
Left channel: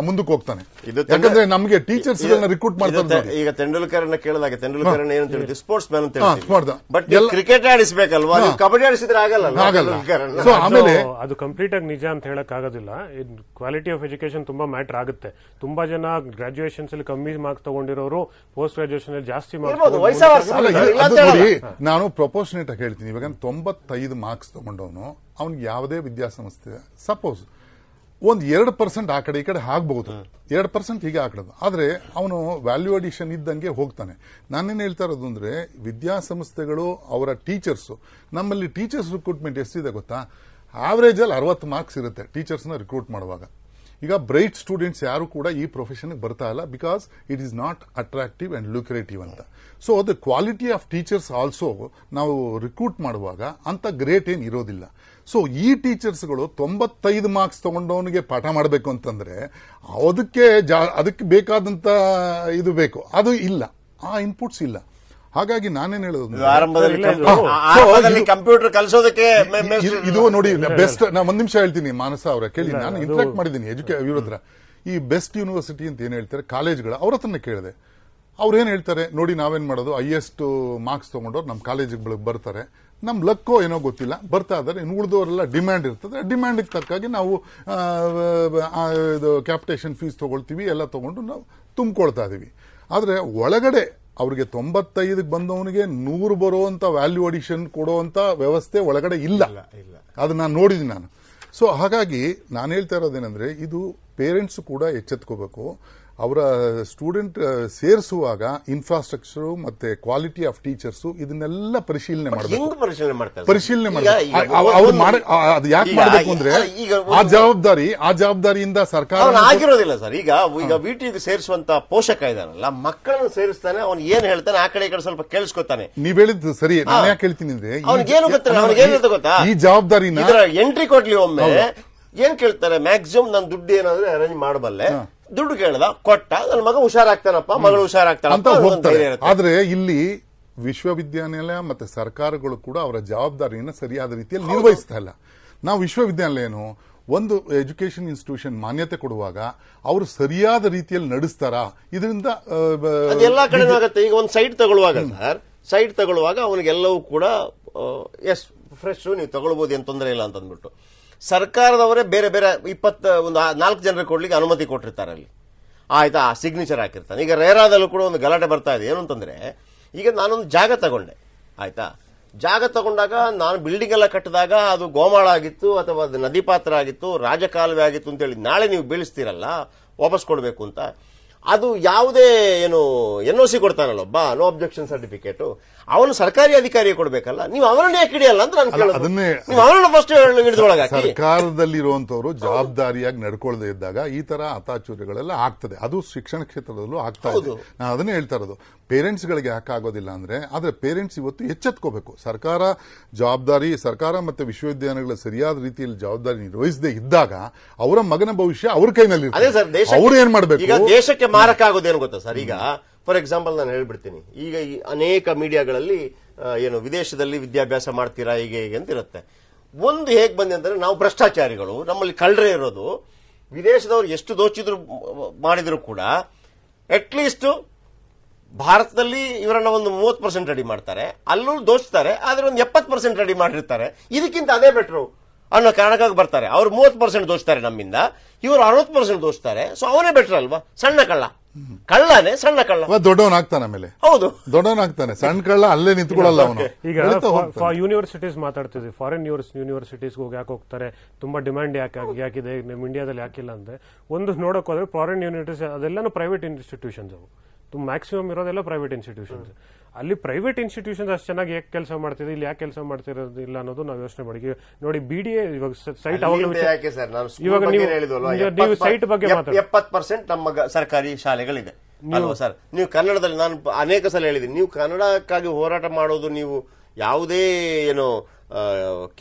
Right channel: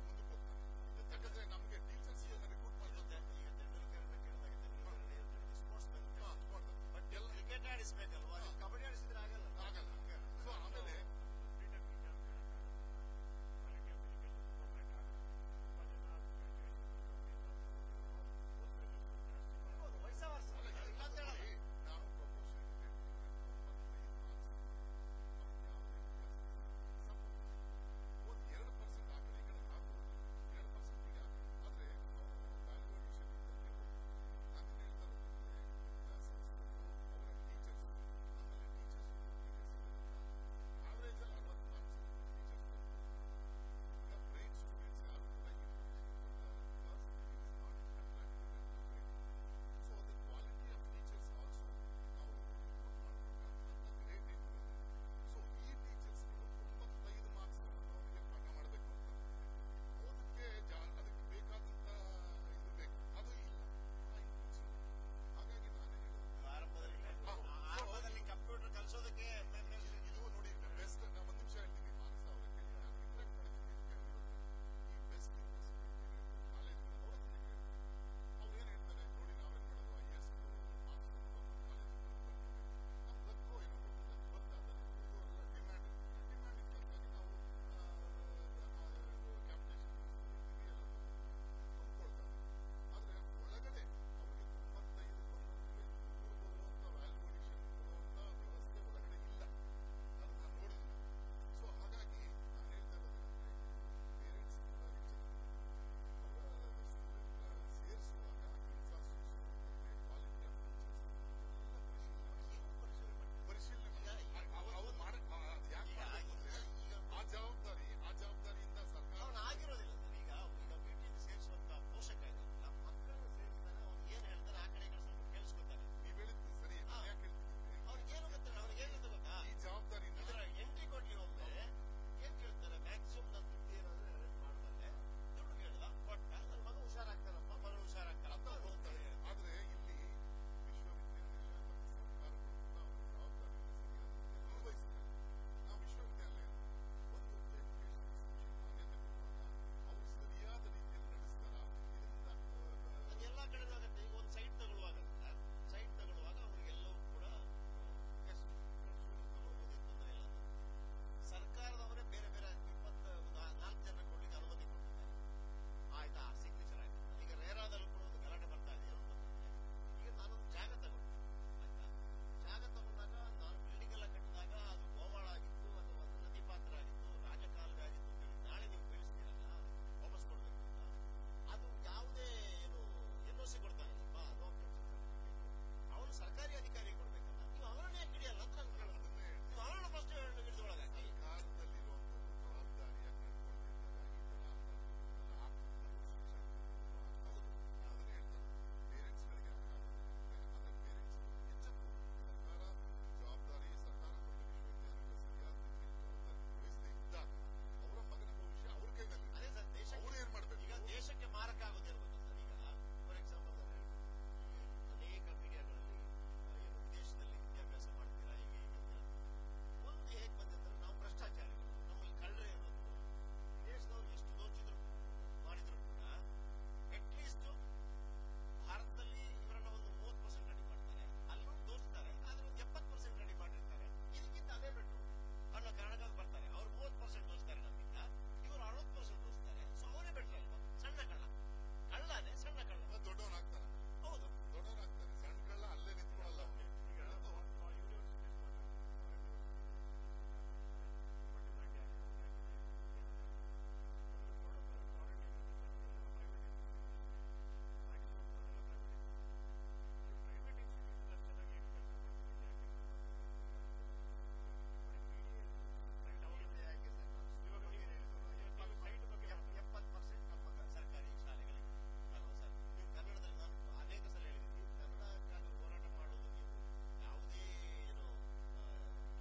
ಮುಂದಕ್ಕೆ ಹೋಗ್ತಾನೆ. ಯಾಕಂದ್ರೆ ನಮಗೆ ಟೀಚರ್ಸ್ ರಿಕ್ರೂಟ್ ಮಾಡ್ತಾರೆ. ಈಗ ತೆಂಡೂಲ್ಕರ್ ಕೇಳಿದಾಗ ತೆಂಡೂಲ್ಕರ್ ಏನು ತಿಳಿದು ಸ್ಪೋರ್ಟ್ಸ್ ಮ್ಯಾನ್ ಅಂತ, ಬಟ್ ಕ್ರಿಕೆಟ್ ಆಡಿಸಬೇಕಲ್ವಾ, ಕಬಡ್ಡಿ ಆಡಿಸಿದ್ರೆ ಆಗಲ್ಲ. ಸೊ ಆಮೇಲೆ ಅದು ಕಂಪ್ಲೀಟ್ ಆಗಿ ನಿಜ ಅಂತ ಹೇಳಕ್ ಆಗೋದಿಲ್ಲ. ಕ್ವಾಲಿಟಿ ಆಫ್ ಎಜುಕೇಶನ್ ತುಂಬಾ ಮ್ಯಾಟರ್ ಆಗುತ್ತೆ. ತುಂಬಾ ಜನ ಗ್ರಾಜುಯೇಷನ್ಸ್ ಅಲ್ಲಿ ಕಮ್ಮಿ ಮಾರ್ಕ್ಸ್ ತಗೊಂಡಿರೋರು ಪೋಸ್ಟ್ ಗ್ರಾಜುಯೇಷನ್ ಅಲ್ಲಿ ಜಾಸ್ತಿ ಮಾರ್ಕ್ಸ್. ನಾನು ಪ್ರಪೋರ್ಷನೇಟ್ ಆಗಿ ಹೇಳ್ತೀನಿ. ಇವಾಗ 95 ಮಾರ್ಕ್ಸ್ ತಗೊಂಡವನು ಅವ್ನಿಗೆ ಯಾವುದೇ ವಿದ್ಯಾಸಂಸ್ಥೆ ಸಪೋಸ್ ಒಂದು 2% ಆ ಕಡೆ ಈ ಕಡೆ ಆಗ್ಬಹುದು, 2% ಹೀಗೆ ಹಾಕಡೋದು. ಆದ್ರೆ ಅವನು ವ್ಯಾಲ್ಯೂ ಅಡಿಷನ್ ಇದ್ದಂಗೆ ಹೋಗ್ತಾನೆ. ನಾನೇನು ಹೇಳ್ತಾ ಇರೋದು ಅಂದ್ರೆ, ವಿದ್ಯಾಸಂಸ್ಥೆಗಳು ಅವರ ಟೀಚರ್ಸ್, ನಮ್ಮಲ್ಲಿ ಟೀಚರ್ಸ್ ರಿಕ್ರೂಟ್ಮೆಂಟ್ ಎಷ್ಟಿದೆ ಗೊತ್ತಾ, ಆವರೇಜ್ ಅಲ್ಲಿ 60 ಮಾರ್ಕ್ಸ್ ಇರುತ್ತೆ ಟೀಚರ್ಸ್ನ ರಿಕ್ರೂಟ್ ಮಾಡುವಾಗ. ಈಗ ಬ್ರೈಟ್ ಸ್ಟೂಡೆಂಟ್ಸ್ ಯಾರು ಕೂಡ ಈ ಪ್ರೊಫೆಷನ್ಗೆ ಬರ್ತಾ ಇಲ್ಲ, because it is not attractive and lucrative ಅಂತ. So the quality of teachers also ನಾವು ರಿಕ್ರೂಟ್ ಮಾಡುವಾಗ ಅಂತ ಗ್ರೇಟ್ ಏನ್ ಇರೋದಿಲ್ಲ. ಸೊ ಈ ಟೀಚರ್ಸ್ಗಳು 95 ಮಾರ್ಕ್ಸ್ ತಗೊಂಡವನಿಗೆ ಪಾಠ ಮಾಡಬೇಕು ಅಂತಂದ್ರೆ ಅದಕ್ಕೆ ಬೇಕಾದಂತ ಇದು ಬೇಕು, ಅದು ಇಲ್ಲ, ಆ ಇನ್ಪುಟ್ಸ್ ಇಲ್ಲ. ಹಾಗಾಗಿ ನಾನೇನ್ ಹೇಳೋದು, ಕಂಪ್ಯೂಟರ್ ಕಲಿಸೋದಕ್ಕೆ ಇದು ನೋಡಿ ಬೆಸ್ಟ್. ನಾನು ಒಂದ್ ನಿಮಿಷ ಹೇಳ್ತೀನಿ, ಮಾನಸ ಅವರ ಕೇಳಿ, ನಾನು ಇಂಟ್ರಾಕ್ಟ್ ಮಾಡಿದ್ದೀನಿ ಇವ್ರ ಹತ್ರ. ಈ ಬೆಸ್ಟ್ ಯೂನಿವರ್ಸಿಟಿ ಅಂತ ಏನ್ ಹೇಳ್ತಾರೆ ಕಾಲೇಜ್ಗಳು, ಅವ್ರ ಹತ್ರನೇ ಕೇಳಿದೆ. ಅವ್ರು ಏನ್ ಹೇಳ್ತಾರೆ ನೋಡಿ, ನಾವೇನ್ ಮಾಡೋದು, ಹೈಯೆಸ್ಟ್ ಮಾರ್ಕ್ಸ್ ತಗೊಂಡವ್ರು ನಮ್ಮ ಕಾಲೇಜಿಗೆ ಬರ್ತಾರೆ, ನಮ್ ಲಕ್ಕೋ ಏನೋ ಗೊತ್ತಿಲ್ಲ ಬರ್ತಾ ಇದಾರೆ, ಇನ್ನು ಉಳಿದವರೆಲ್ಲ ಡಿಮ್ಯಾಂಡ್ ಇರ್ತದೆ, ಡಿಮ್ಯಾಂಡಿಗೆ ತಕ್ಕಾಗಿ ನಾವು ಕ್ಯಾಪಿಟೇಷನ್ ಫೀಸ್ ತಗೊಳ್ತೀವಿ, ಎಲ್ಲ ತಗೊಂಡು ನಾವು ತುಂಬಿಕೊಳ್ತಾ ಇದೀವಿ. ಆದ್ರೆ ಒಳಗಡೆ ಅವ್ರಿಗೆ 95 ಬಂದವನಿಗೆ 100 ಬರುವಂತ ವ್ಯಾಲ್ಯೂ ಅಡಿಷನ್ ಕೊಡುವಂತ ವ್ಯವಸ್ಥೆ ಒಳಗಡೆ ಇಲ್ಲ. ಅದು ನಾನು ನೋಡಿದ್ದೀನಿ ನಾನು. ಸೊ ಹಾಗಾಗಿ ನಾನು ಹೇಳ್ತಾ ಇರೋದೇನೆಂದ್ರೆ, ಇದು ಪೇರೆಂಟ್ಸ್ ಕೂಡ ಎಚ್ಚೆತ್ಕೋಬೇಕು. ಅವರ ಸ್ಟೂಡೆಂಟ್ ಸೇರಿಸುವಾಗ ಇನ್ಫ್ರಾಸ್ಟ್ರಕ್ಚರ್ ಮತ್ತೆ ಕ್ವಾಲಿಟಿ ಆಫ್ ಟೀಚರ್ಸ್ ಇದನ್ನೆಲ್ಲ ಪರಿಶೀಲನೆ ಮಾಡಬೇಕು. ಪರಿಶೀಲನೆ ಅದು ಯಾಕೆ ಮಾಡಬೇಕು ಅಂದ್ರೆ, ಆ ಜವಾಬ್ದಾರಿಯಿಂದ ಸರ್ಕಾರ ಆಗಿರೋದಿಲ್ಲ ಸರ್. ಈಗ ವಿಟಿಗೆ ಸೇರಿಸುವಂತ ಪೋಷಕ ಇದಾನಲ್ಲ, ಮಕ್ಕಳನ್ನು ಸೇರಿಸ್ತಾನೆ, ಅವ್ನು ಏನ್ ಹೇಳ್ತಾನೆ ಆ ಕಡೆ ಈ ಕಡೆ ಸ್ವಲ್ಪ ಕೇಳಿಸ್ಕೊತಾನೆ. ನೀವ್ ಹೇಳಿದ್ದು ಸರಿ, ನಾನು ಯಾಕೆ ಹೇಳ್ತೀನಿ ಅಂದ್ರೆ, ಅವ್ನಿಗೇನು ಗೊತ್ತಾ, ಈ ಜವಾಬ್ದಾರಿನ ಎಂಟ್ರಿ ಕೊಡ್ಲಿ ಒಮ್ಮೆ ಏನ್ ಕೇಳ್ತಾರೆ, ಮ್ಯಾಕ್ಸಿಮಮ್ ನಾನು ದುಡ್ಡು ಏನಾದ್ರೆ ಅರೇಂಜ್ ಮಾಡಬಲ್ಲೆ, ದುಡ್ಡು ಕೇಳ್ದ ಕೊಟ್ಟ, ನನ್ನ ಮಗ ಹುಷಾರಾಗ್ತಾನಪ್ಪ, ಮಗಳು ಹುಷಾರಾಗ್ತಾನ ಅಂತ ಹೋಗ್ತಾರೆ. ಆದ್ರೆ ಇಲ್ಲಿ ವಿಶ್ವವಿದ್ಯಾನಿಲಯ ಮತ್ತೆ ಸರ್ಕಾರಗಳು ಕೂಡ ಅವರ ಜವಾಬ್ದಾರಿಯನ್ನು ಸರಿಯಾದ ರೀತಿಯಲ್ಲಿ ನಿರ್ವಹಿಸ್ತಾ ಇಲ್ಲ. ನಾವು ವಿಶ್ವವಿದ್ಯಾನಿಲಯ ಒಂದು ಎಜುಕೇಶನ್ ಇನ್ಸ್ಟಿಟ್ಯೂಷನ್ ಮಾನ್ಯತೆ ಕೊಡುವಾಗ ಅವರು ಸರಿಯಾದ ರೀತಿಯಲ್ಲಿ ನಡೆಸ್ತಾರಾ, ಇದರಿಂದ ಎಲ್ಲಾ ಕಡೆ ಆಗುತ್ತೆ. ಈಗ ಒಂದು ಸೈಟ್ ತಗೊಳ್ಳುವಾಗ ಸರ್, ಸೈಟ್ ತಗೊಳ್ಳುವಾಗ ಅವನಿಗೆಲ್ಲವೂ ಕೂಡ ಎಸ್ ಫ್ರೆಶ್ ನೀವು ತಗೊಳ್ಬಹುದು, ಏನ್ ತೊಂದರೆ ಇಲ್ಲ ಅಂತ ಅಂದ್ಬಿಟ್ಟು ಸರ್ಕಾರದವರೇ ಬೇರೆ ಬೇರೆ 4 ಜನರಿಗೆ ಕೊಡ್ಲಿಕ್ಕೆ ಅನುಮತಿ ಕೊಟ್ಟಿರ್ತಾರೆ. ಅಲ್ಲಿ ಆಯ್ತಾ, ಸಿಗ್ನೇಚರ್ ಹಾಕಿರ್ತಾನೆ. ಈಗ ರೇರಾದಲ್ಲೂ ಕೂಡ ಒಂದು ಗಲಾಟೆ ಬರ್ತಾ ಇದೆ. ಏನು ಅಂತಂದ್ರೆ, ಈಗ ನಾನೊಂದು ಜಾಗ ತಗೊಂಡೆ, ಆಯ್ತಾ, ಜಾಗ ತಗೊಂಡಾಗ ನಾನು ಬಿಲ್ಡಿಂಗ್ ಎಲ್ಲ ಕಟ್ಟಿದಾಗ ಅದು ಗೋಮಾಳ ಆಗಿತ್ತು ಅಥವಾ ಅದು ನದಿ ಪಾತ್ರ ಆಗಿತ್ತು, ರಾಜಕಾಲುವೆ ಆಗಿತ್ತು ಅಂತೇಳಿ ನಾಳೆ ನೀವು ಬೀಳಿಸ್ತೀರಲ್ಲ, ವಾಪಸ್ ಕೊಡಬೇಕು ಅಂತ, ಅದು ಯಾವುದೇ ಏನು NOC ಕೊಡ್ತಾನಲ್ಲೊಬ್ಬ, ನೋ ಅಬ್ಜೆಕ್ಷನ್ ಸರ್ಟಿಫಿಕೇಟ್, ಅವನು ಸರ್ಕಾರಿ ಅಧಿಕಾರಿ ಕೊಡ್ಬೇಕಲ್ಲ, ನೀವು ಅವರನ್ನೇ ಯಾಕೆ ಹಿಡಿಯಲ್ಲ ಅಂತ ನಾನು ಕೇಳೋದು. ನೀವು ಅವರನ್ನ ಫಸ್ಟ್ ಹಿಡಿದೊಳಗೆ ಸರ್ಕಾರದಲ್ಲಿರುವಂತವ್ರು ಜವಾಬ್ದಾರಿಯಾಗಿ ನಡ್ಕೊಳ್ಳದೆ ಇದ್ದಾಗ ಈ ತರ ಅತಾಚುರ್ಯಗಳೆಲ್ಲ ಆಗ್ತದೆ. ಅದು ಶಿಕ್ಷಣ ಕ್ಷೇತ್ರದಲ್ಲೂ ಆಗ್ತಾ ಇದೆ. ನಾನು ಅದನ್ನೇ ಹೇಳ್ತಾ ಇರೋದು, ಪೇರೆಂಟ್ಸ್ ಗಳಿಗೆ ಯಾಕೆ ಆಗೋದಿಲ್ಲ ಅಂದ್ರೆ, ಆದ್ರೆ ಪೇರೆಂಟ್ಸ್ ಇವತ್ತು ಎಚ್ಚೆತ್ಕೋಬೇಕು. ಸರ್ಕಾರ ಮತ್ತೆ ವಿಶ್ವವಿದ್ಯಾಲಯಗಳ ಸರಿಯಾದ ರೀತಿಯಲ್ಲಿ ಜವಾಬ್ದಾರಿ ನಿರ್ವಹಿಸದೇ ಇದ್ದಾಗ ಅವರ ಮಗನ ಭವಿಷ್ಯ ಅವ್ರ ಕೈನಲ್ಲಿ ಅವ್ರು ಏನ್ ಮಾಡ್ಬೇಕು. ಈಗ ದೇಶಕ್ಕೆ ಮಾರಕ ಆಗೋದೇನು ಗೊತ್ತಾ ಸರ್, ಈಗ ಫಾರ್ ಎಕ್ಸಾಂಪಲ್ ನಾನು ಹೇಳ್ಬಿಡ್ತೀನಿ, ಈಗ ಈ ಅನೇಕ ಮೀಡಿಯಾಗಳಲ್ಲಿ ಏನು ವಿದೇಶದಲ್ಲಿ ವಿದ್ಯಾಭ್ಯಾಸ ಮಾಡ್ತೀರಾ ಹೀಗೆ ಹೀಗೆ ಅಂತ ಇರುತ್ತೆ. ಒಂದು ಹೇಗ್ ಬಂದೆ ಅಂದ್ರೆ, ನಾವು ಭ್ರಷ್ಟಾಚಾರಿಗಳು, ನಮ್ಮಲ್ಲಿ ಕಳ್ಳರೇ ಇರೋದು, ವಿದೇಶದವ್ರು ಎಷ್ಟು ದೋಚಿದ್ರು ಮಾಡಿದ್ರು ಕೂಡ ಅಟ್ಲೀಸ್ಟ್ ಭಾರತದಲ್ಲಿ ಇವರನ್ನ ಒಂದು 30% ರೆಡಿ ಮಾಡ್ತಾರೆ, ಅಲ್ಲೂ ದೋಚ್ತಾರೆ, ಆದ್ರೆ ಒಂದು 70% ರೆಡಿ ಮಾಡಿರ್ತಾರೆ. ಇದಕ್ಕಿಂತ ಅದೇ ಬೆಟ್ರು. ಅನ್ನೋ ಕಾರಣಕ್ಕಾಗಿ ಬರ್ತಾರೆ. ಅವ್ರು 30% ದೋಚ್ತಾರೆ ನಮ್ಮಿಂದ, ಇವರು 60% ದೋಚ್ತಾರೆ. ಸೊ ಅವನೇ ಬೆಟರ್ ಅಲ್ವಾ? ಸಣ್ಣ ಕಳ್ಳ ಕಳ್ಳನೇ, ಸಣ್ಣ ಕಳ್ಳ ದೊಡ್ಡವನಾಗ್ತಾನೆ, ಆಮೇಲೆ ಹೌದು ದೊಡ್ಡವನಾಗ್ತಾನೆ. ಸಣ್ಣ ಕಳ್ಳ ಅಲ್ಲೇ ನಿಂತ್ಕೊಳ್ಳಲ್ಲ ಅವನು. ಈಗ ಯೂನಿವರ್ಸಿಟೀಸ್ ಮಾತಾಡ್ತಿದ್ವಿ, ಫಾರಿನ್ ಯೂನಿವರ್ಸಿಟೀಸ್ ಯಾಕೆ ಹೋಗ್ತಾರೆ, ತುಂಬಾ ಡಿಮ್ಯಾಂಡ್ ಯಾಕಿದೆ ನಮ್ಮ ಇಂಡಿಯಾದಲ್ಲಿ ಯಾಕಿಲ್ಲ ಅಂದ್ರೆ, ಒಂದು ನೋಡಕ್ ಹೋದ್ರೆ ಫಾರಿನ್ ಯೂನಿವರ್ಸಿಟೀಸ್ ಅದೆಲ್ಲಾನು ಪ್ರೈವೇಟ್ ಇನ್ಸ್ಟಿಟ್ಯೂಷನ್ಸ್, ಅವು ಮ್ಯಾಕ್ಸಿಮಮ್ ಇರೋದೆಲ್ಲ ಪ್ರೈವೇಟ್ ಇನ್ಸ್ಟಿಟ್ಯೂಷನ್ಸ್. ಅಲ್ಲಿ ಪ್ರೈವೇಟ್ ಇನ್ಸ್ಟಿಟ್ಯೂಷನ್ಸ್ ಅಷ್ಟು ಚೆನ್ನಾಗಿ ಯಾಕೆ ಕೆಲಸ ಮಾಡ್ತಿದೆ, ಇಲ್ಲಿ ಯಾಕೆ ಕೆಲಸ ಮಾಡ್ತಿರೋದಿಲ್ಲ ಅನ್ನೋದು ನಾವು ಯೋಚನೆ ಮಾಡಿ. ನೋಡಿ BDA ಇವಾಗ ಸೈಟ್ ಇವಾಗ ನೀವು ಸೈಟ್ ಬಗ್ಗೆ 70% ನಮ್ಮ ಸರ್ಕಾರಿ ಶಾಲೆಗಳಿದೆ ಅಲ್ವಾ ಸರ್? ನೀವು ಕನ್ನಡದಲ್ಲಿ, ನಾನು ಅನೇಕ ಸಲ ಹೇಳಿದ್ದೀನಿ, ನೀವು ಕನ್ನಡಕ್ಕಾಗಿ ಹೋರಾಟ ಮಾಡೋದು, ನೀವು ಯಾವುದೇ ಏನು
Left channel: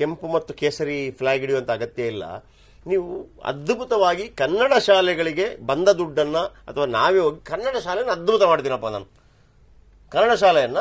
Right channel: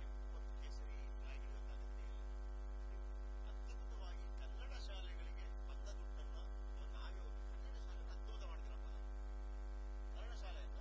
ಕೆಂಪು ಮತ್ತು ಕೇಸರಿ ಫ್ಲಾಗ್ ಹಿಡಿಯುವಂತ ಅಗತ್ಯ ಇಲ್ಲ. ನೀವು ಅದ್ಭುತವಾಗಿ ಕನ್ನಡ ಶಾಲೆಗಳಿಗೆ ಬಂದ ದುಡ್ಡನ್ನ, ಅಥವಾ ನಾವೇ ಹೋಗಿ ಕನ್ನಡ ಶಾಲೆಯನ್ನು ಅದ್ಭುತ ಮಾಡ್ತೀನಪ್ಪ ನಾನು. ಕನ್ನಡ ಶಾಲೆಯನ್ನ